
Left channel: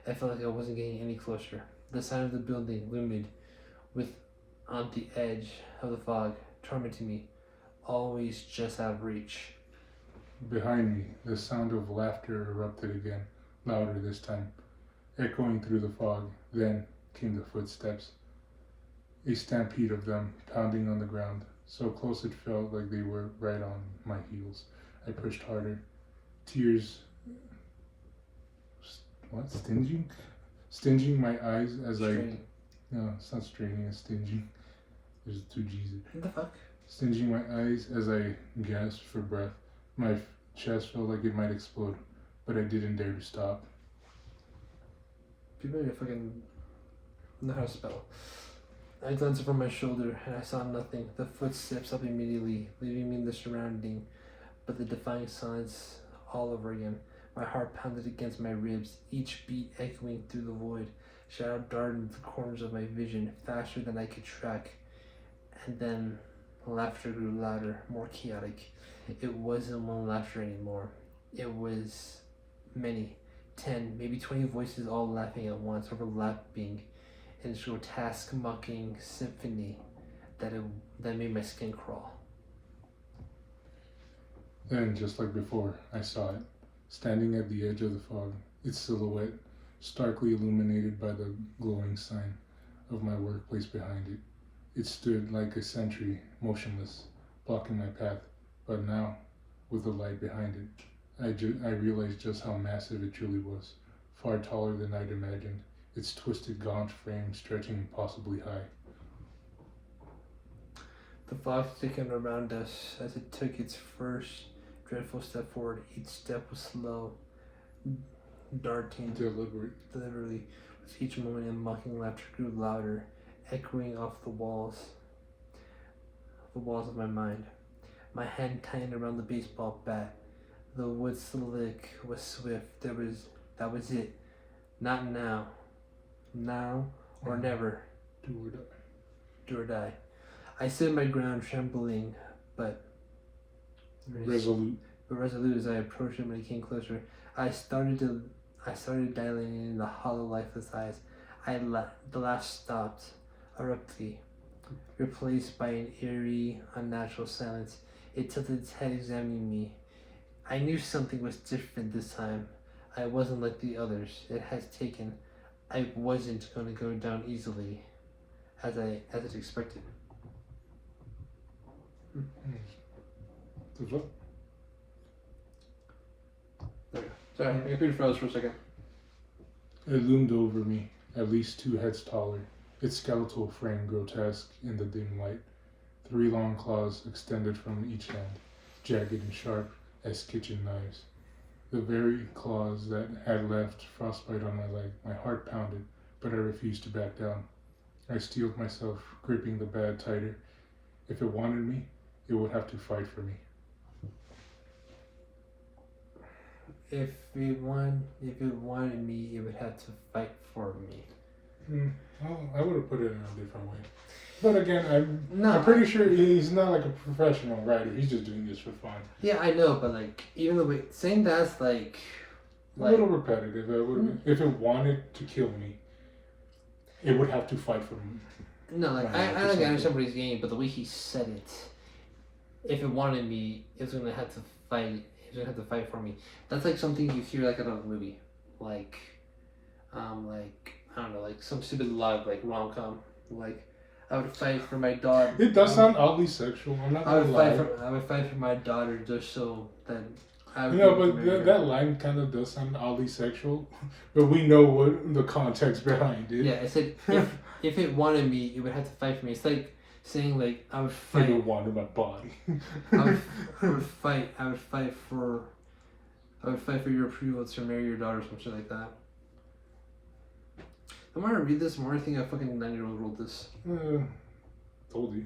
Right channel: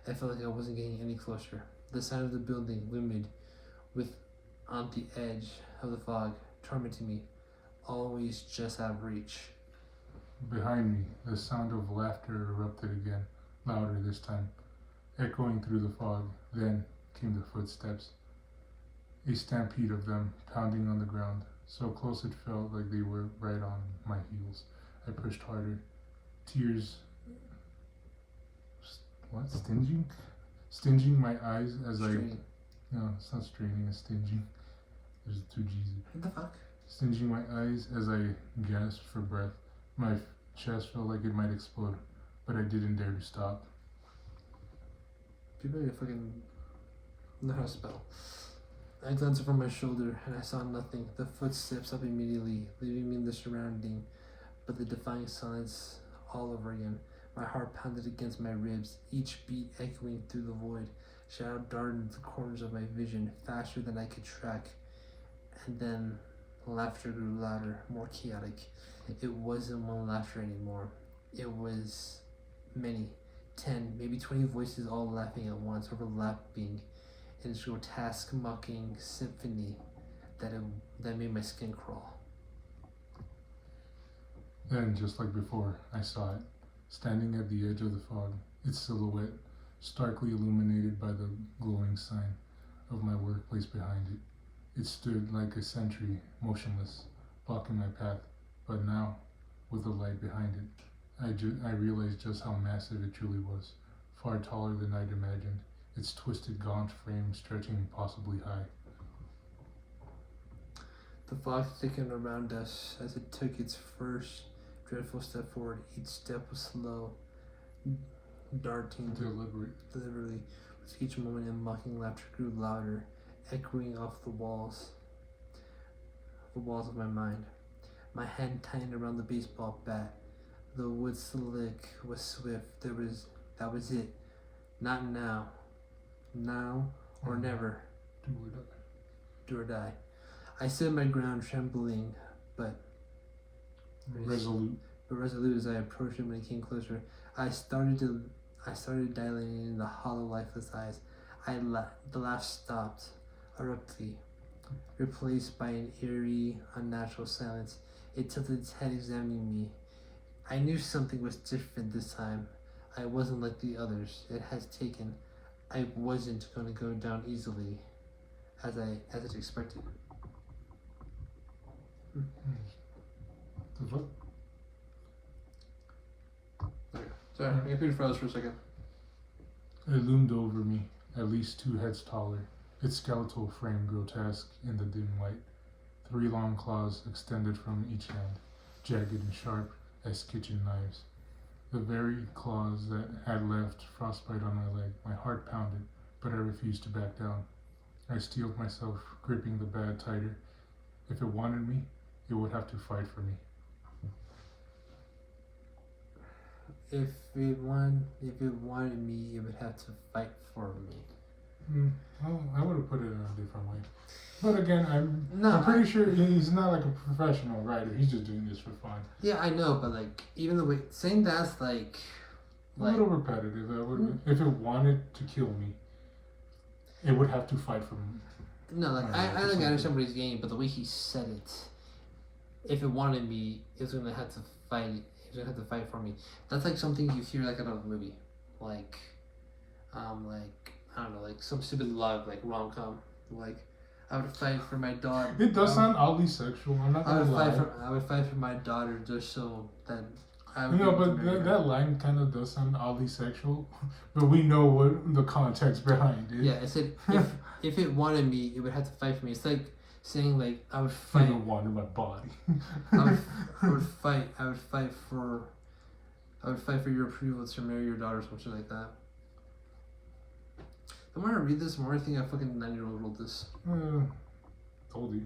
I felt like I wasn't getting any closer. The sign of the building loomed on the edge of the fog, tormenting me, always just out of reach. Behind me, the sound of laughter erupted again, louder this time, echoing through the fog. Then came the footsteps, a stampede of them pounding on the ground, so close it felt like they were right on my heels. I pushed harder, tears stinging my eyes as Straining. No, it's not straining, it's stinging. There's two G's. What the fuck? Stinging my eyes as I gasped for breath. My chest felt like it might explode, but I didn't dare to stop. People need to fucking know how to spell. I glanced over my shoulder and I saw nothing. The footsteps up immediately, leaving me in the surrounding, but the defying silence all over again. My heart pounded against my ribs, each beat echoing through the void. Shadow darted into the corners of my vision, faster than I could track. And then laughter grew louder, more chaotic. It wasn't one laughter anymore. It was many, 10, maybe 20 voices all laughing at once, overlapping in this grotesque, mocking symphony that made my skin crawl. Then, just like before, I saw it, standing at the edge of the fog, its silhouette starkly illuminated by the glowing sign of my workplace behind it. It stood like a sentry, motionless, blocking my path, but now, with the light behind it. I realized just how massive it truly was, far taller than I'd imagined, its twisted, gaunt frame stretching impossibly high. The fog thickened around us as it took its first dreadful step forward. Each step was slow, darting Deliberate. deliberately. With each moment, a mocking laughter grew louder, echoing off the walls of my mind. My hand tightened around the baseball bat. The wood slick was swift. That was it. Not now. Now or never. Do or die. Do or die. I stood my ground, trembling, but Resolute. resolute as I approached him when he came closer. I started dilating in the hollow, lifeless eyes. The laugh stopped abruptly, replaced by an eerie, unnatural silence. It tilted its head, examining me. I knew something was different this time. I wasn't like the others it has taken. I wasn't going to go down easily, as it expected. The fuck? Sorry, my computer froze for a second. It loomed over me, at least 2 heads taller, its skeletal frame grotesque in the dim light. 3 long claws extended from each hand, jagged and sharp as kitchen knives. The very claws that had left frostbite on my leg. My heart pounded, but I refused to back down. I steeled myself, gripping the bat tighter. If it wanted me, it would have to fight for me. If it wanted me, it would have to fight for me. Well, I would have put it in a different way. But again, No, I'm pretty sure he's not like a professional writer. He's just doing this for fun. Yeah, I know, but like, even the way saying that's like A little repetitive. If it wanted to kill me, it would have to fight for me. no, like I understand what he's getting, but the way he said it, if it wanted me, it was gonna have to fight. He was gonna have to fight for me. That's like something you hear like in a movie, like I don't know, like some stupid love, like rom-com, like. I would fight for my daughter. It does sound oddly sexual. I'm not gonna lie. I would fight for my daughter just so that I would. You know, but that line kind of does sound oddly sexual. But we know what the context behind it. Yeah, it's like if it wanted me, it would have to fight for me. It's like saying like I would fight. It would wanted my body. I would fight for your approval to marry your daughter or some shit like that. The more I read this, the more I think a fucking 9-year-old wrote this. Told you.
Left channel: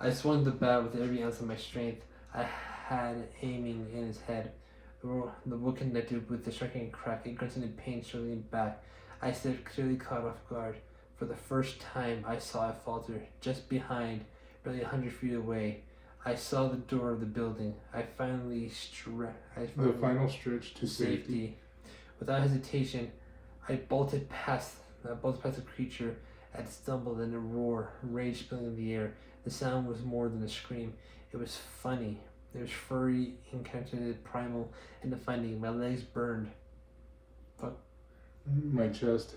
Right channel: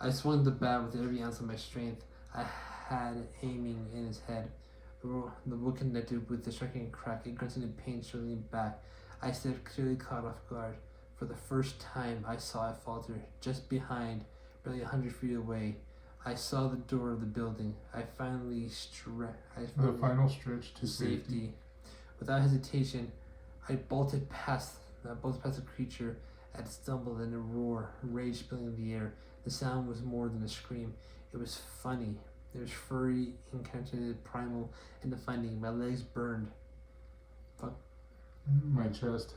I swung the bat with every ounce of my strength I had aiming in his head. The wood connected with the striking crack. It grunted in pain, struggling back. I stepped clearly caught off guard. For the first time, I saw it falter. Just behind, barely 100 feet away, I saw the door of the building. The final stretch to safety. Without hesitation, I bolted past the creature. I had stumbled in a roar, rage spilling in the air. The sound was more than a scream. It was funny. It was furry, incantated, primal, and defining. My legs burned. Fuck. My chest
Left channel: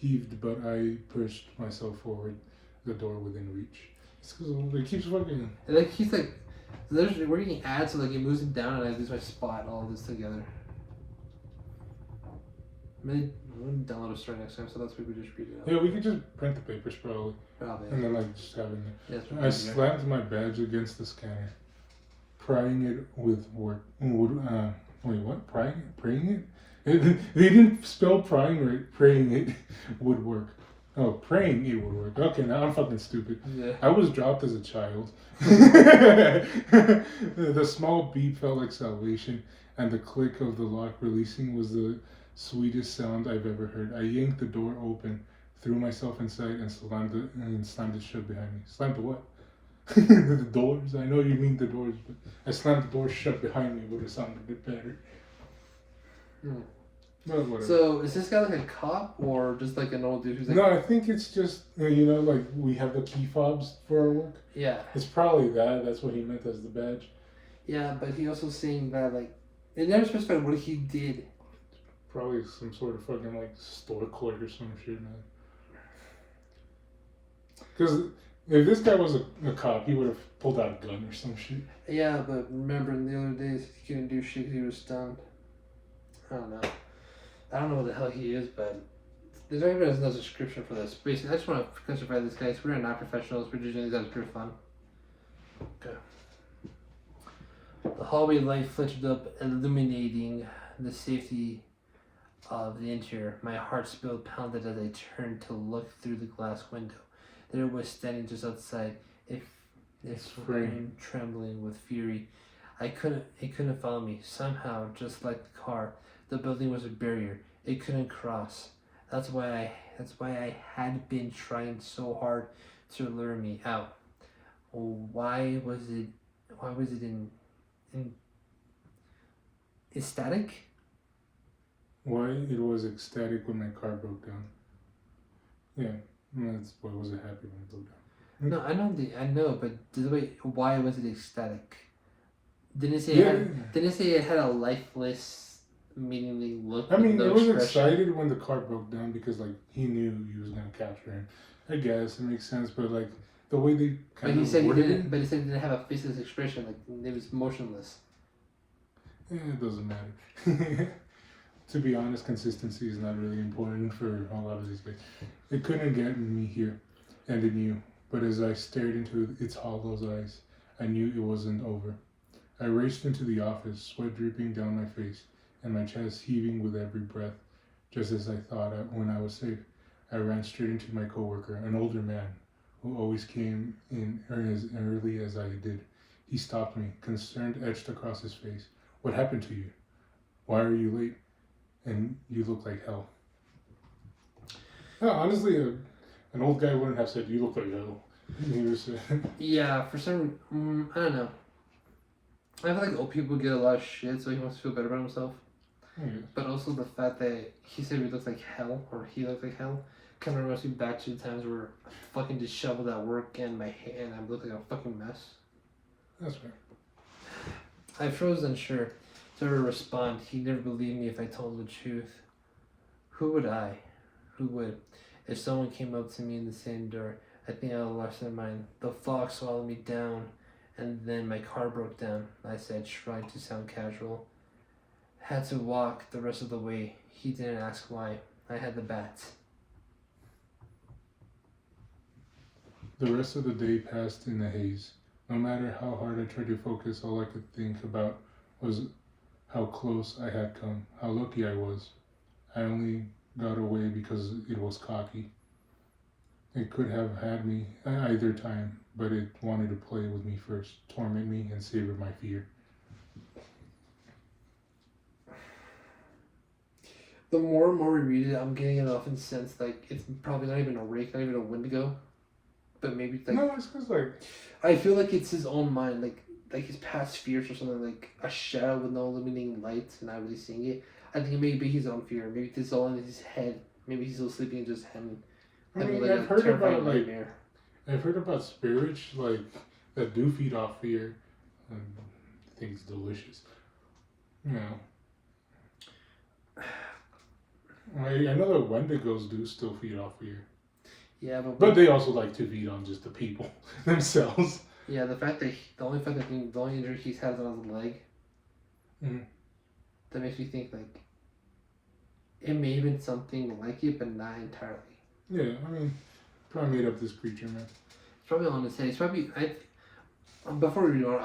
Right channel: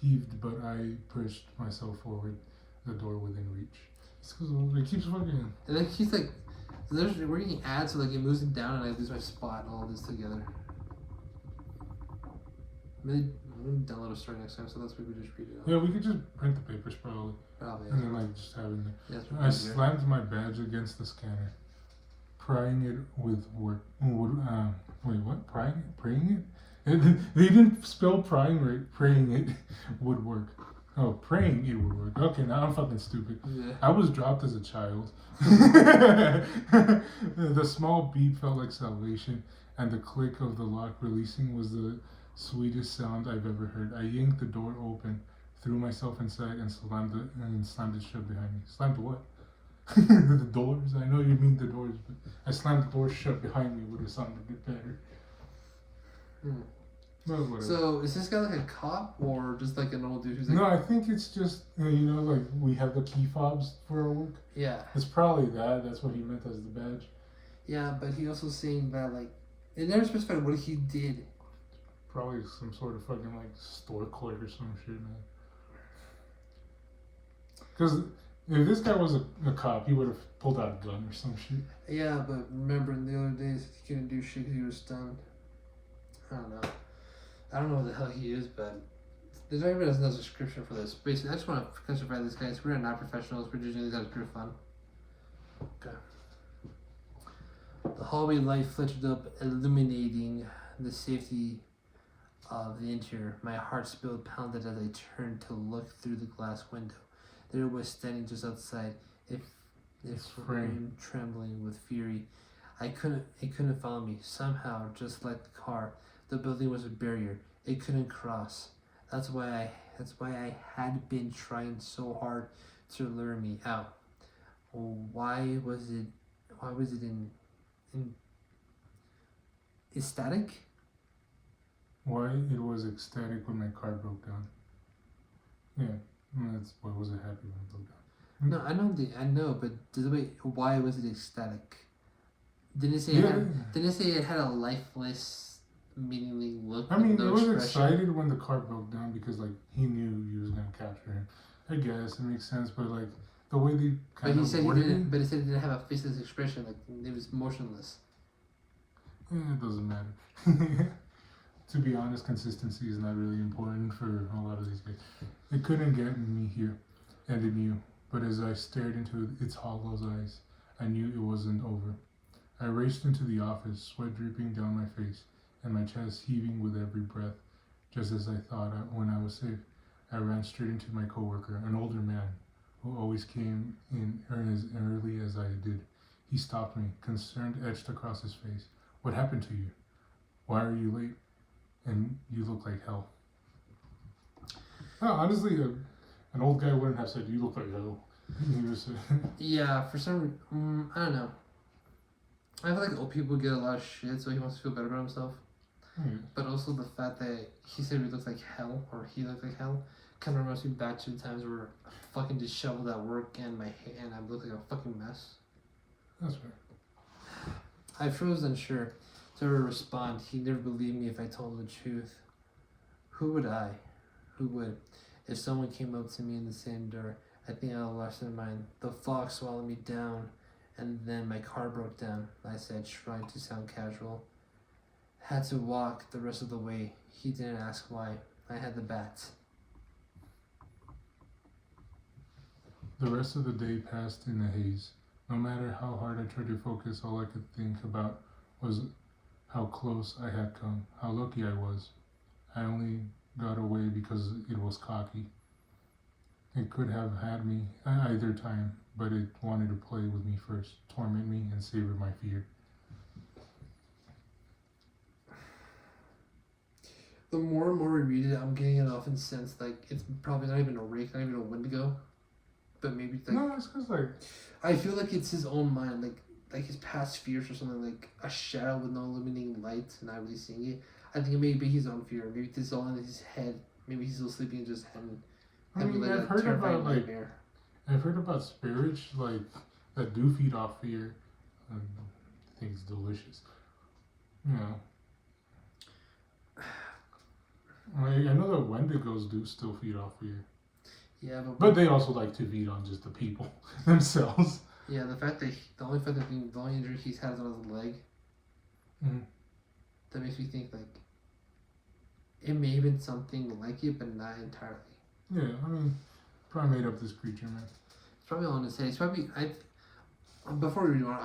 heaved, but I pushed myself forward, the door within reach. It's because it keeps fucking. And like he's like, we're getting ads, so like it moves it down, and I lose my spot. All this together. Maybe we'll download a story next time, so that's what we just read it out. Yeah, we could just print the papers probably. Probably. And then like just have it there. Yes, I slammed my badge against the scanner, prying it with work. Wait, what? Praying it? They didn't spell prying right. Praying it would work. Oh, praying it would work. Okay, now I'm fucking stupid. Yeah. I was dropped as a child. The small beep felt like salvation, and the click of the lock releasing was the sweetest sound I've ever heard. I yanked the door open, threw myself inside, and slammed it shut behind me. Slammed the what? The doors? I know you mean the doors, but I slammed the door shut behind me would have sounded a bit better. No, whatever. So, is this guy like a cop or just like an old dude who's like... No, I think it's just, like we have the key fobs for our work. Yeah. It's probably that. That's what he meant as the badge. Yeah, but he also saying that, like, it never specified what he did. Probably some sort of fucking, like, store clerk or some shit, man. Because if this guy was a cop, he would have pulled out a gun or some shit. Yeah, but remember in the other days he couldn't do shit because he was stunned. I don't know. I don't know what the hell he is, but there's not even no description for this. Basically, I just want to classify this, guys. We're not professionals. We're just doing this out of pure fun. Okay. The hallway light flickered up, illuminating the safety of the interior. My heart still pounded as I turned to look through the glass window. There it was standing just outside, if frame trembling with fury. It couldn't follow me. Somehow, just like the car, the building was a barrier. It couldn't cross. That's why I had been trying so hard to lure me out. Why was it in ecstatic? Why it was ecstatic when my car broke down. Yeah, that's why was it happy when it broke down. No, I know, but why was it ecstatic? Didn't it say it had a lifeless, meaningless look? I mean, it was excited when the car broke down because like he knew he was gonna capture him. I guess it makes sense, but like the way they kind of worded it. But he said it didn't have a faceless expression, like it was motionless. It doesn't matter. To be honest, consistency is not really important for a lot of these guys. It couldn't get me here, and it knew. But as I stared into its hollow eyes, I knew it wasn't over. I raced into the office, sweat dripping down my face, and my chest heaving with every breath. Just as I thought when I was safe, I ran straight into my coworker, an older man who always came in as early as I did. He stopped me, concern etched across his face. What happened to you? Why are you late? And you look like hell. No, honestly, an old guy wouldn't have said, you look like hell. Yeah, for some, I don't know. I feel like old people get a lot of shit, so he wants to feel better about himself. Mm-hmm. But also the fact that he said he looks like hell, or he looked like hell, kind of reminds me back to the times where I'm fucking disheveled at work and I look like a fucking mess. That's fair. I froze unsure to respond. He never believed me if I told him the truth. Who would I? Who would? If someone came up to me in the same door, I think I lost my mind. The fog swallowed me down, and then my car broke down. I said, trying to sound casual. Had to walk the rest of the way. He didn't ask why. I had the bats. The rest of the day passed in a haze. No matter how hard I tried to focus, all I could think about was how close I had come, how lucky I was. I only got away because it was cocky. It could have had me either time, but it wanted to play with me first, torment me, and savor my fear. The more and more we read it, I'm getting it off in the sense like it's probably not even a rake, not even a Wendigo, but maybe like no, it's because like I feel like it's his own mind, like his past fears or something, like a shadow with no illuminating light and not really seeing it. I think maybe his own fear. Maybe this is all in his head. Maybe he's still sleeping in his head. I mean, I've heard about spirits like that do feed off fear. I think it's delicious. You know. I know that Wendigos do still feed off fear. Yeah, but they also like to feed on just the people themselves. Yeah, the only injury he's had is on his leg. Mm-hmm. That makes me think like it may have been something like it, but not entirely. Yeah, I mean, probably made up this creature, man. It's probably on his head. It's probably before we do it,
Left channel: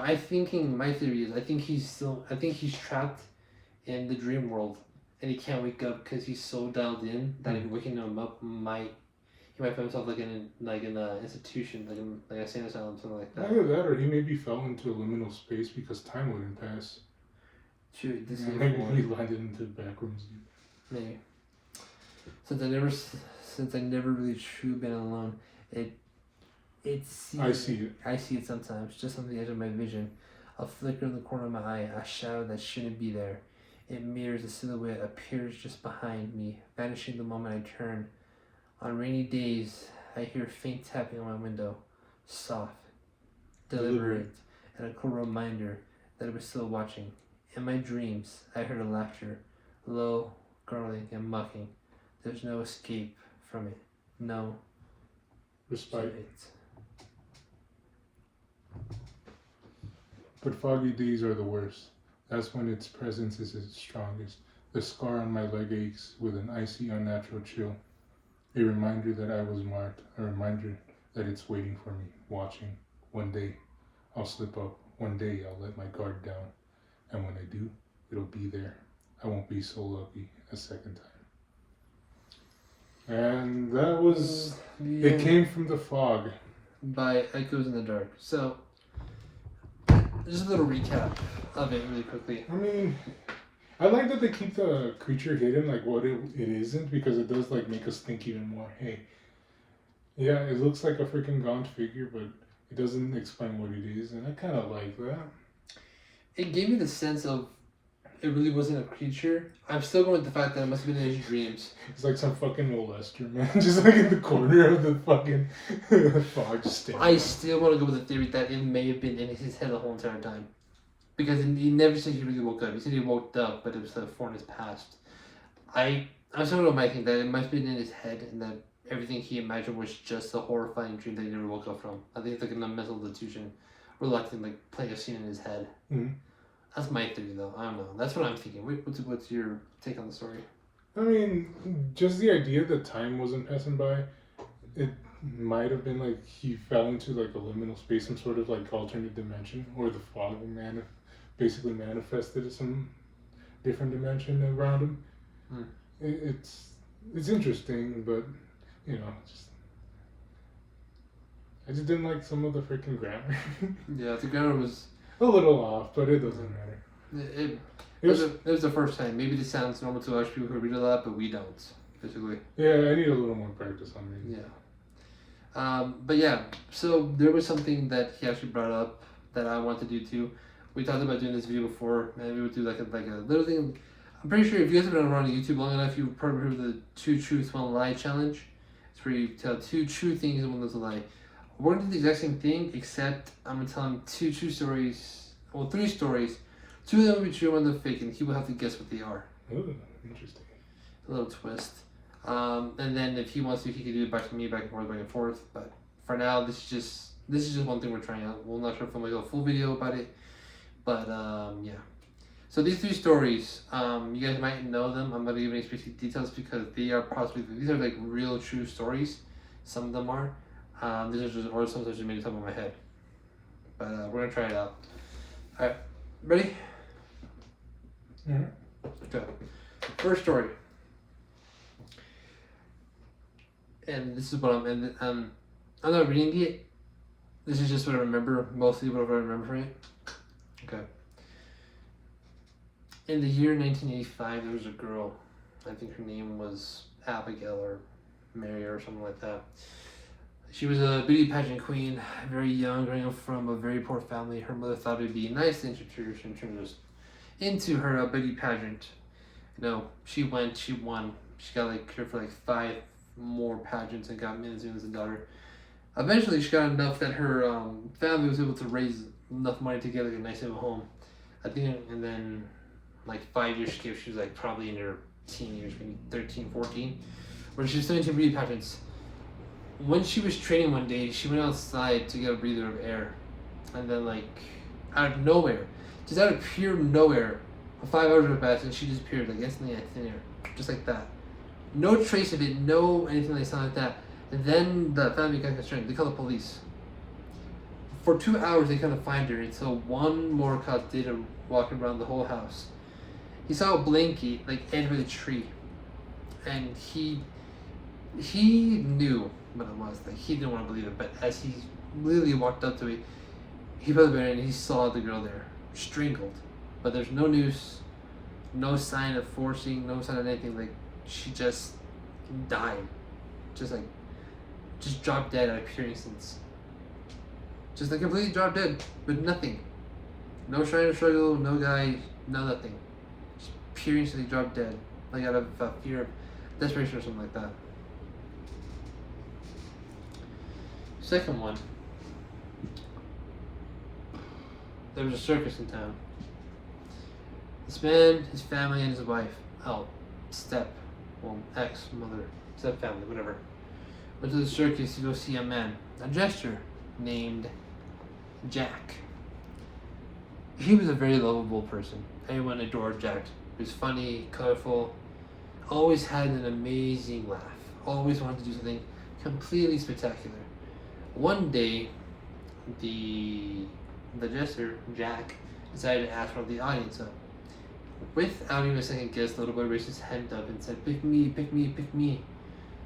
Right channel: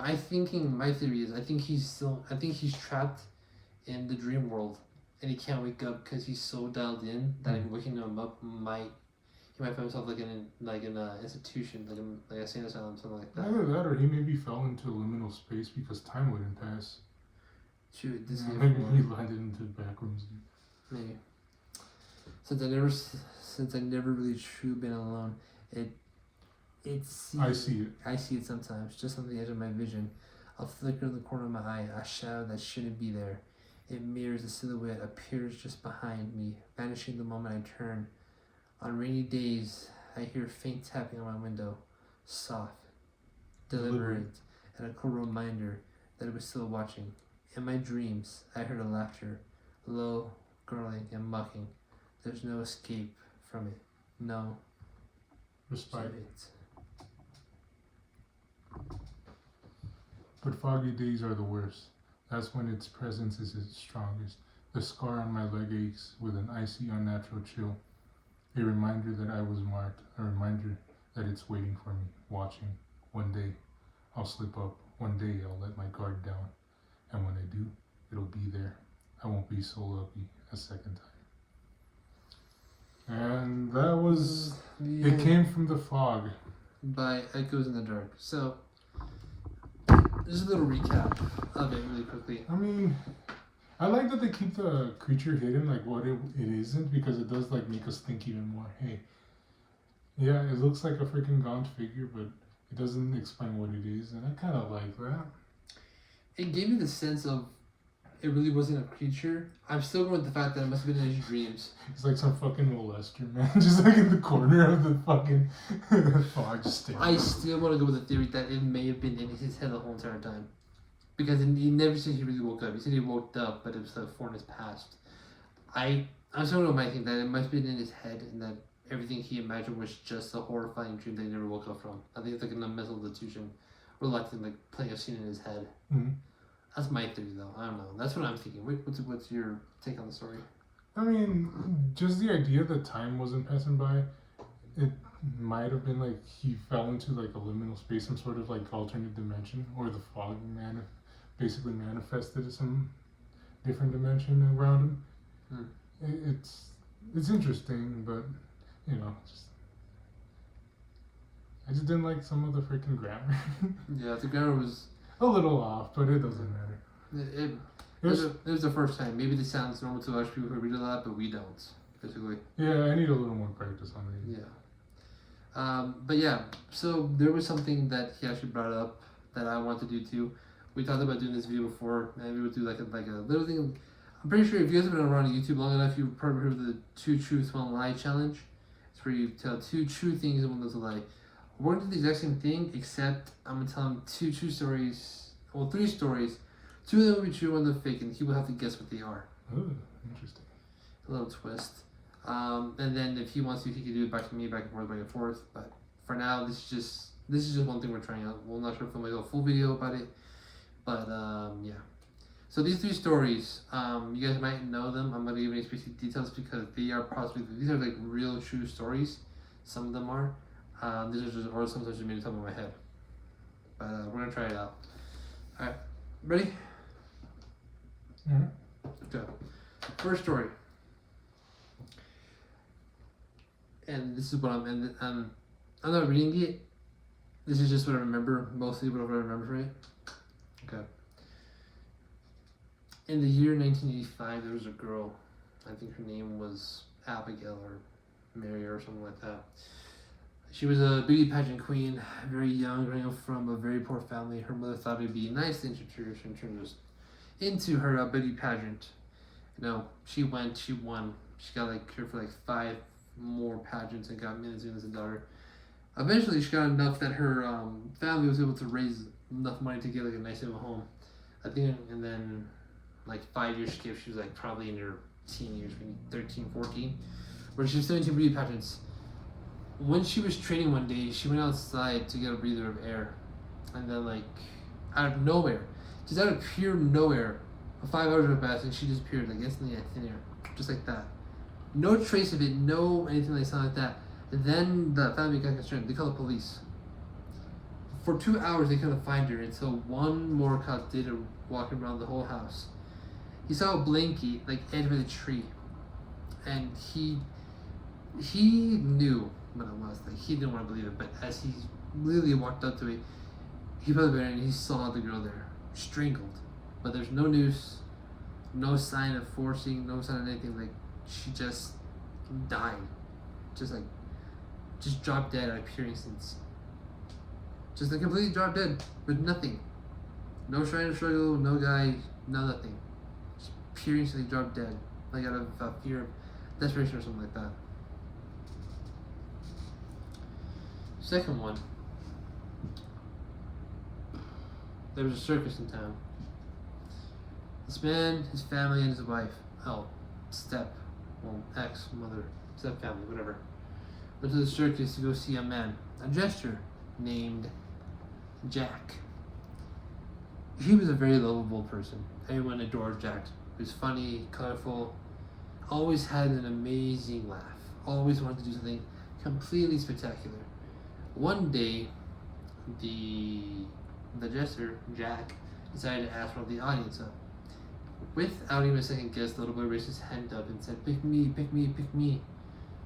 my theory is I think he's trapped in the dream world and he can't wake up because he's so dialed in that if waking him up he might find himself like in an institution, like a sane asylum, something like that. Either that, or he maybe fell into liminal space because time wouldn't pass. Shoot, maybe he landed into the back rooms. Maybe. Since I never really truly been alone, I see it sometimes, just on the edge of my vision. A flicker in the corner of my eye, a shadow that shouldn't be there. It mirrors a silhouette, appears just behind me, vanishing the moment I turn. On rainy days, I hear faint tapping on my window, soft, deliberate, and a cool reminder that I was still watching. In my dreams, I heard a laughter, low, gargling, and mocking. There's no escape from it. No respite. But foggy days are the worst. That's when its presence is its strongest. The scar on my leg aches with an icy, unnatural chill. A reminder that I was marked. A reminder that it's waiting for me, watching. One day, I'll slip up. One day, I'll let my guard down. And when I do, it'll be there. I won't be so lucky a second time. And that was... It came from the fog. By Echoes in the Dark. So, just a little recap of it really quickly. I mean, I like that they keep the creature hidden, like what it isn't, because it does like make us think even more. Hey, yeah, it looks like a freaking gaunt figure, but it doesn't explain what it is, and I kind of like that. It gave me the sense of it really wasn't a creature. I'm still going with the fact that it must have been in his dreams. It's like some fucking molester, man, just like in the corner of the fucking fog, just standing. I still want to go with the theory that it may have been in his head the whole entire time. Because he never said he really woke up. He said he woke up, but it was four in his past. I was talking about Mike that it might have been in his head and that everything he imagined was just a horrifying dream that he never woke up from. I think it's like a mental delusion, reluctant, like playing a scene in his head. Mm-hmm. That's my theory, though. I don't know. That's what I'm thinking. What's your take on the story? I mean, just the idea that time wasn't passing by, it might have been like he fell into like a liminal space, some sort of like alternate dimension, or the fog basically manifested some different dimension around him. It's interesting, but you know, I just didn't like some of the freaking grammar. Yeah, the grammar was a little off, but it doesn't matter. It was the first time. Maybe this sounds normal to us people who read a lot, but we don't, basically. Yeah, I need a little more practice on reading. Yeah. But yeah, so there was something that he actually brought up that I want to do too. We talked about doing this video before, and we would do like a little thing. I'm pretty sure if you guys have been around YouTube long enough, you've probably heard of the 2 truths, 1 lie challenge. It's where you tell 2 true things and 1 little lie. We're gonna do the exact same thing, except I'm gonna tell him 2 true stories, well 3 stories. 2 of them will be true, 1 of them fake, and he will have to guess what they are. Ooh, interesting. A little twist. And then if he wants to, he can do it back to me, back and forth. But for now, this is just one thing we're trying out. We're not trying to film like a full video about it. But yeah. So these 3 stories, you guys might know them. I'm not gonna give any specific details because these are like real true stories. Some of them are. These are just, or some just made it up in my head. But we're gonna try it out. All right, ready? Mm-hmm. Okay. First story. And this is what I'm not reading it. This is just what I remember, mostly whatever I remember from it. Okay. In the year 1985, there was a girl. I think her name was Abigail or Mary or something like that. She was a beauty pageant queen, very young, growing up from a very poor family. Her mother thought it would be nice to introduce into her beauty pageant. You know, she went, she won. She got like here for like 5 more pageants and got millions and millions of dollars. Eventually, she got enough that her family was able to raise enough money to get like a nice little home. I think, and then like 5 years she was like probably in her teen years, maybe 13, 14, when she was still into beauty pageants. When she was training one day, she went outside to get a breather of air, and then like out of nowhere, just out of pure nowhere, 5 hours went past and she disappeared like instantly in thin air, just like that. No trace of it, no anything like that. And then the family got concerned. They called the police. For 2 hours, they couldn't find her until one more cop did a walking around the whole house. He saw a blanket like enter the tree, and he knew what it was. Like he didn't want to believe it, but as he literally walked up to it, he put it in and he saw the girl there, strangled. But there's no noose, no sign of forcing, no sign of anything. Like she just died, just dropped dead at a pure instance. Just like completely dropped dead with nothing. No trying to struggle, no guy, no nothing. Just pure instantly dropped dead, like out of fear of desperation or something like that. Second one. There was a circus in town. This man, his family, and his wife, ex-mother, step-family, whatever, went to the circus to go see a man, a jester named Jack. He was a very lovable person. Everyone adored Jack. He was funny, colorful, always had an amazing laugh, always wanted to do something completely spectacular. One day, the jester, Jack, decided to ask one of the audience up. Without even a second guess, the little boy raised his hand up and said, "Pick me, pick me, pick me."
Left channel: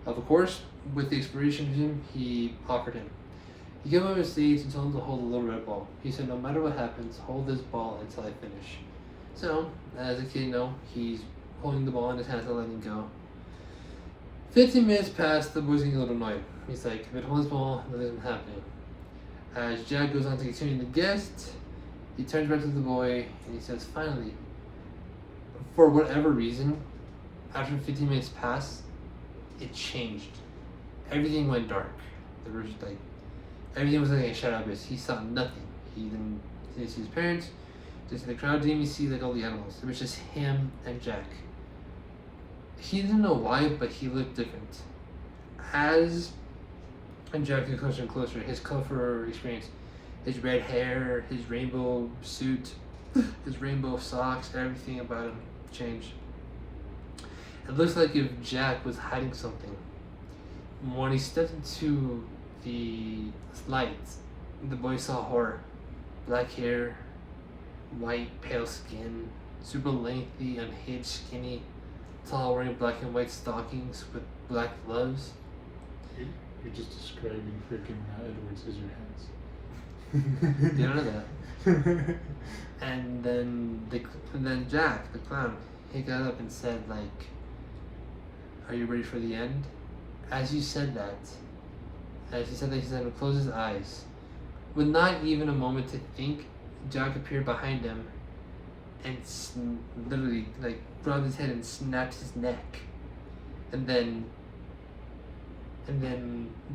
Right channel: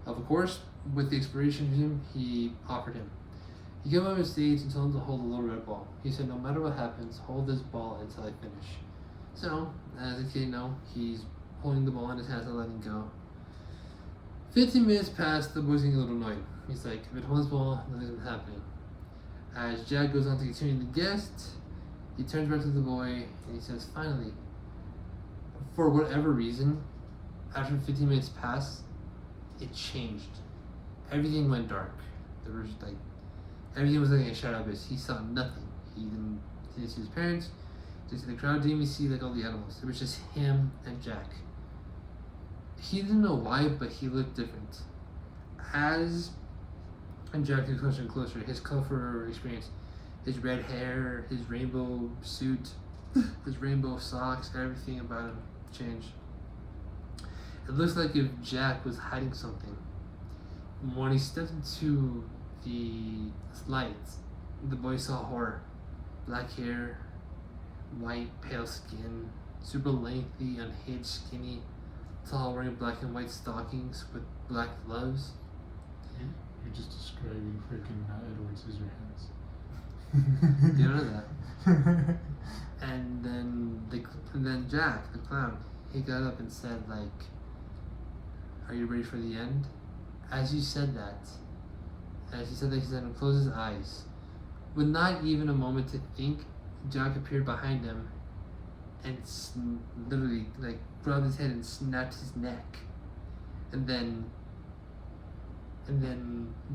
Of course, with the inspiration of him, he offered him. He came over the stage and told him to hold a little red ball. He said, "No matter what happens, hold this ball until I finish." So, as a kid, he's holding the ball in his hands and letting go. 15 minutes passed, the boy's getting a little annoyed. He's like, "If it holds the ball, nothing's happening." As Jack goes on to continue the guest, he turns back to the boy and he says, "Finally." For whatever reason, after 15 minutes passed, it changed. Everything went dark. There was everything was like a shadow abyss. He saw nothing. He didn't see his parents. Just in the crowd, didn't even see all the animals. It was just him and Jack. He didn't know why, but he looked different. As Jack got closer and closer, his colorful experience, his red hair, his rainbow suit, his rainbow socks, everything about him changed. It looks like if Jack was hiding something. When he stepped into the lights, the boy saw horror. Black hair, white, pale skin, super lengthy, unhinged, skinny, tall, wearing black and white stockings with black gloves. You're just describing freaking Edward Scissorhands. You don't know that. And then Jack, the clown, he got up and said, like, "Are you ready for the end?" As he said that, he said to close his eyes. With not even a moment to think, Jack appeared behind him and literally grabbed his head and snapped his neck. And then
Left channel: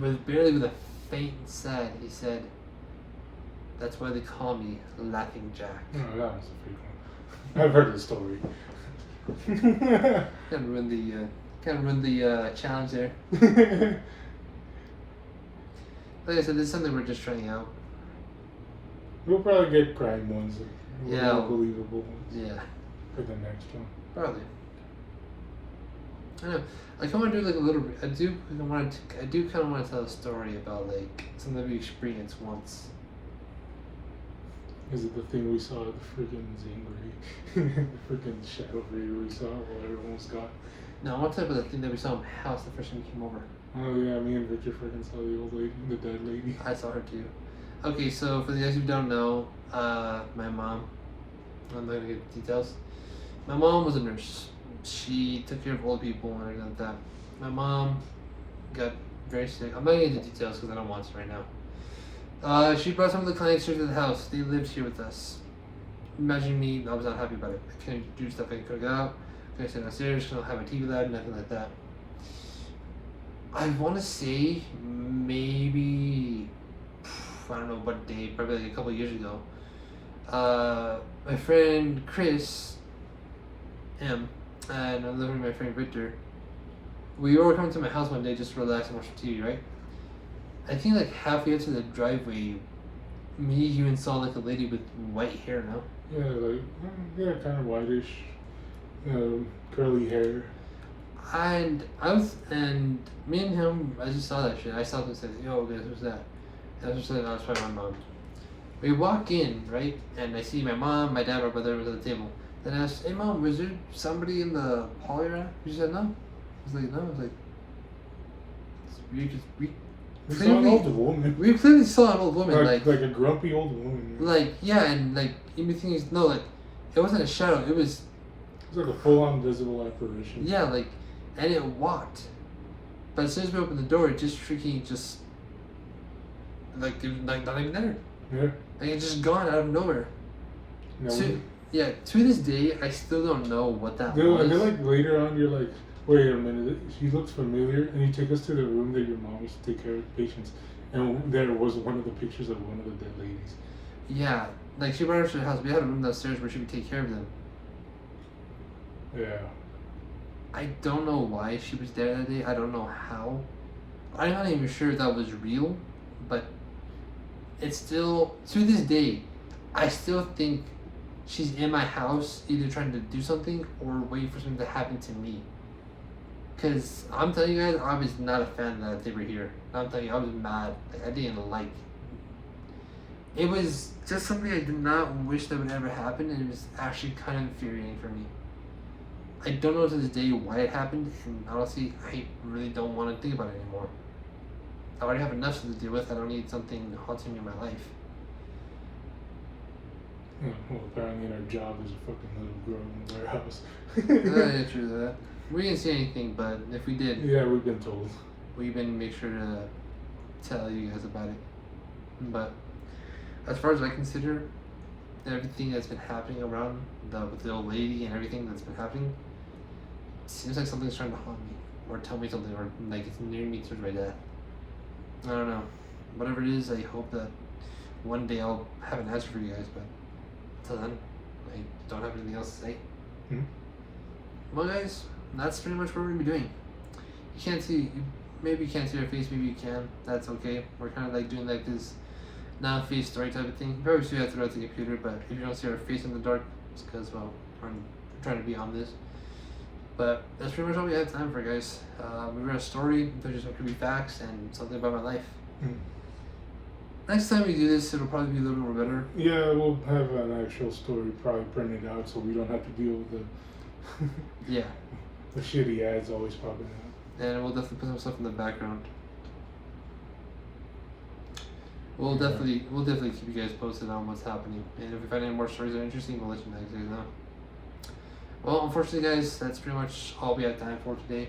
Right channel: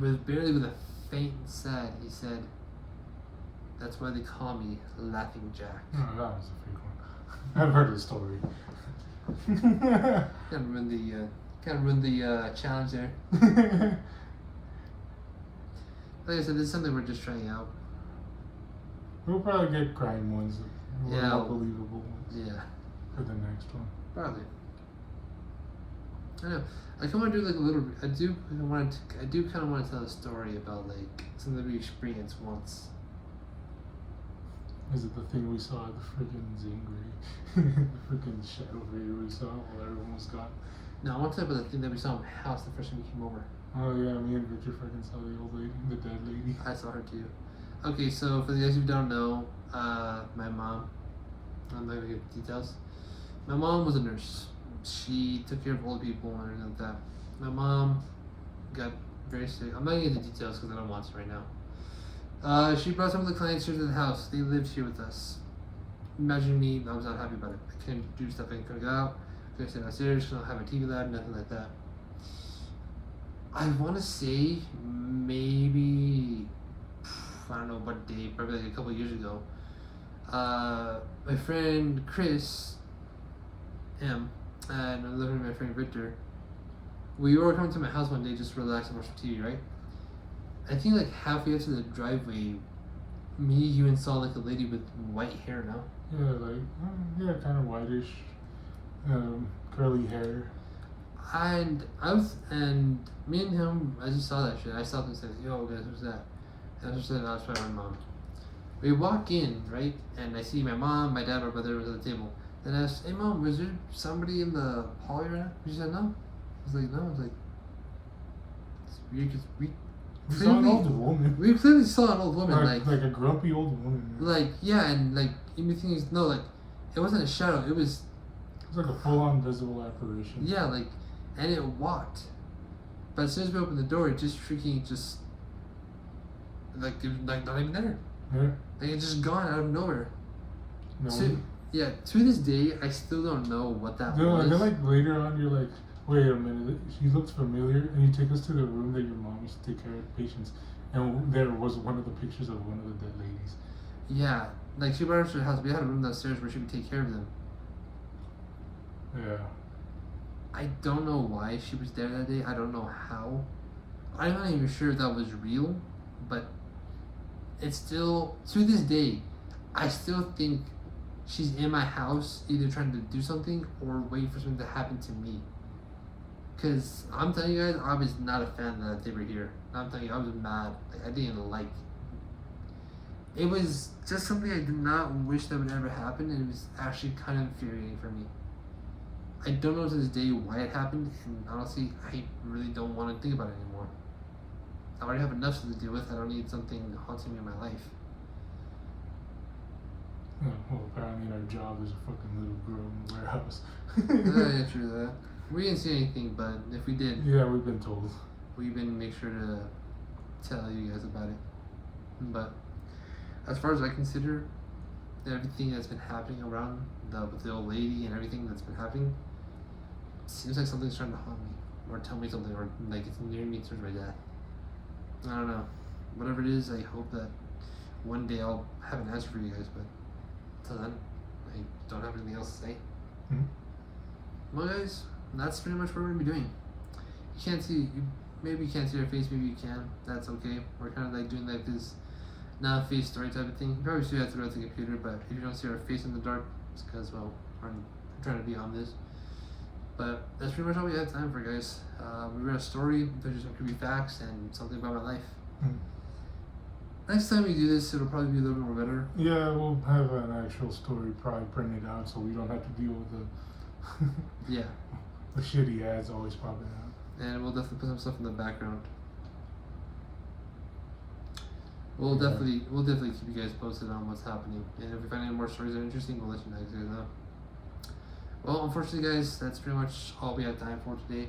with a faint sad, he said, "That's why they call me Laughing Jack." No, that was a fake one. I've heard the story. Kind of run the challenge there. Like I said, this is something we're just trying out. We'll probably get crime ones, more believable ones. Yeah. For the next one. Probably. I know. I kind of want to do a little. I do kind of want to tell a story about something we experienced once. Is it the thing we saw at the freaking Zangri? The freaking shadow video we saw while everyone was gone? No, I want to talk about the thing that we saw in my house the first time we came over. Oh yeah, me and Victor freaking saw the old lady, the dead lady. I saw her too. Okay, so for the guys who don't know, my mom, I'm not gonna give details. My mom was a nurse. She took care of old people and everything like that. My mom got very sick. I'm not gonna get into details because I don't want to right now. She brought some of the clients here to the house. They lived here with us. Imagine me, I was not happy about it. I couldn't do stuff, I couldn't go out, couldn't sit downstairs, couldn't have my TV loud, nothing like that. I want to say maybe, I don't know what day, probably a couple of years ago. My friend Chris, and another my friend Victor, we were coming to my house one day just to relax and watch TV, right? I think halfway up to the driveway, me even saw a lady with white hair now. Yeah, kind of whitish, curly hair. And me and him, I just saw that shit. I stopped and said, "Yo, guys, who's that?" And I just said, "I was my mom." We walk in, right, and I see my mom, my dad, my brother was at the table. Then I asked, "Hey, Mom, was there somebody in the hall area?" She said, "No." I was like, "No." I was like, We saw an old woman. We clearly saw an old woman, like a grumpy old woman. Everything is it wasn't a shadow. It was like a full-on visible apparition. Yeah, and it walked. But as soon as we opened the door, it just it was not even there. Yeah. It just gone out of nowhere. No, to this day, I still don't know what that was. Later on, you're like, wait a minute, she looks familiar, and you take us to the room that your mom used to take care of patients, and there was one of the pictures of one of the dead ladies. Yeah, she brought us to the house. We had a room downstairs where she would take care of them. Yeah. I don't know why she was there that day. I don't know how. I'm not even sure if that was real, but it's still, to this day, I still think she's in my house either trying to do something or wait for something to happen to me. Because I'm telling you guys, I was not a fan that they were here. I'm telling you, I was mad. Like, I didn't like. It was just something I did not wish that would ever happen, and it was actually kind of infuriating for me. I don't know to this day why it happened, and honestly, I really don't want to think about it anymore. I already have enough to deal with. I don't need something haunting me in my life. Well, apparently in our job there's a fucking little girl in the warehouse. That is true. That we didn't see anything, but if we did, Yeah, we've been told. we've been make sure to tell you guys about it. But as far as I consider, everything that's been happening around with the old lady and everything that's been happening, it seems like something's trying to haunt me or tell me something, or like it's near me towards my dad. I don't know. Whatever it is, I hope that one day I'll have an answer for you guys. But until then, I don't have anything else to say. Mm-hmm. Well, guys, that's pretty much what we're gonna be doing. You can't see, maybe you can't see our face, maybe you can. That's okay. We're kind of like doing like this non-face story type of thing. You probably see that throughout the computer, but if you don't see our face in the dark, it's because, well, we're trying to be on this. But that's pretty much all we have time for, guys. We read a story, there's just some creepy facts, and something about my life. Mm. Next time we do this, it'll probably be a little bit more better. Yeah, we'll have an actual story probably printed out so we don't have to deal with the Yeah. the shitty ads always popping up. And we'll definitely put some stuff in the background. We'll definitely keep you guys posted on what's happening. And if we find any more stories that are interesting, we'll let you guys know. Well, unfortunately, guys, that's pretty much all we have time for today.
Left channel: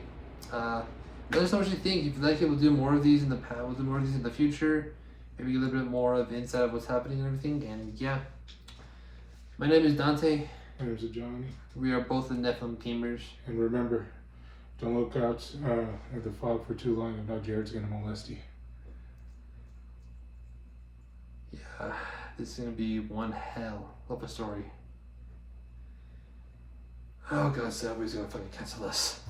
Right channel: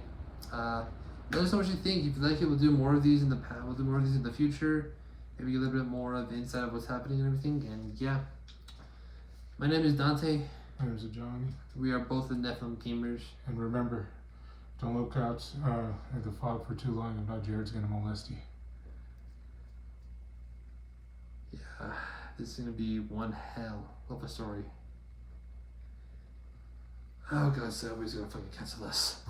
Let us know what you think. If you'd like it, we'll do more of these in the past. We'll do more of these in the future. Maybe a little bit more of the inside of what's happening and everything. And yeah, my name is Dante. And there's a Johnny. We are both the Nephilim gamers. And remember, don't look out at the fog for too long. If not, Jared's gonna molest you. Yeah, this is gonna be one hell of a story. Oh god, Subway's gonna fucking cancel us.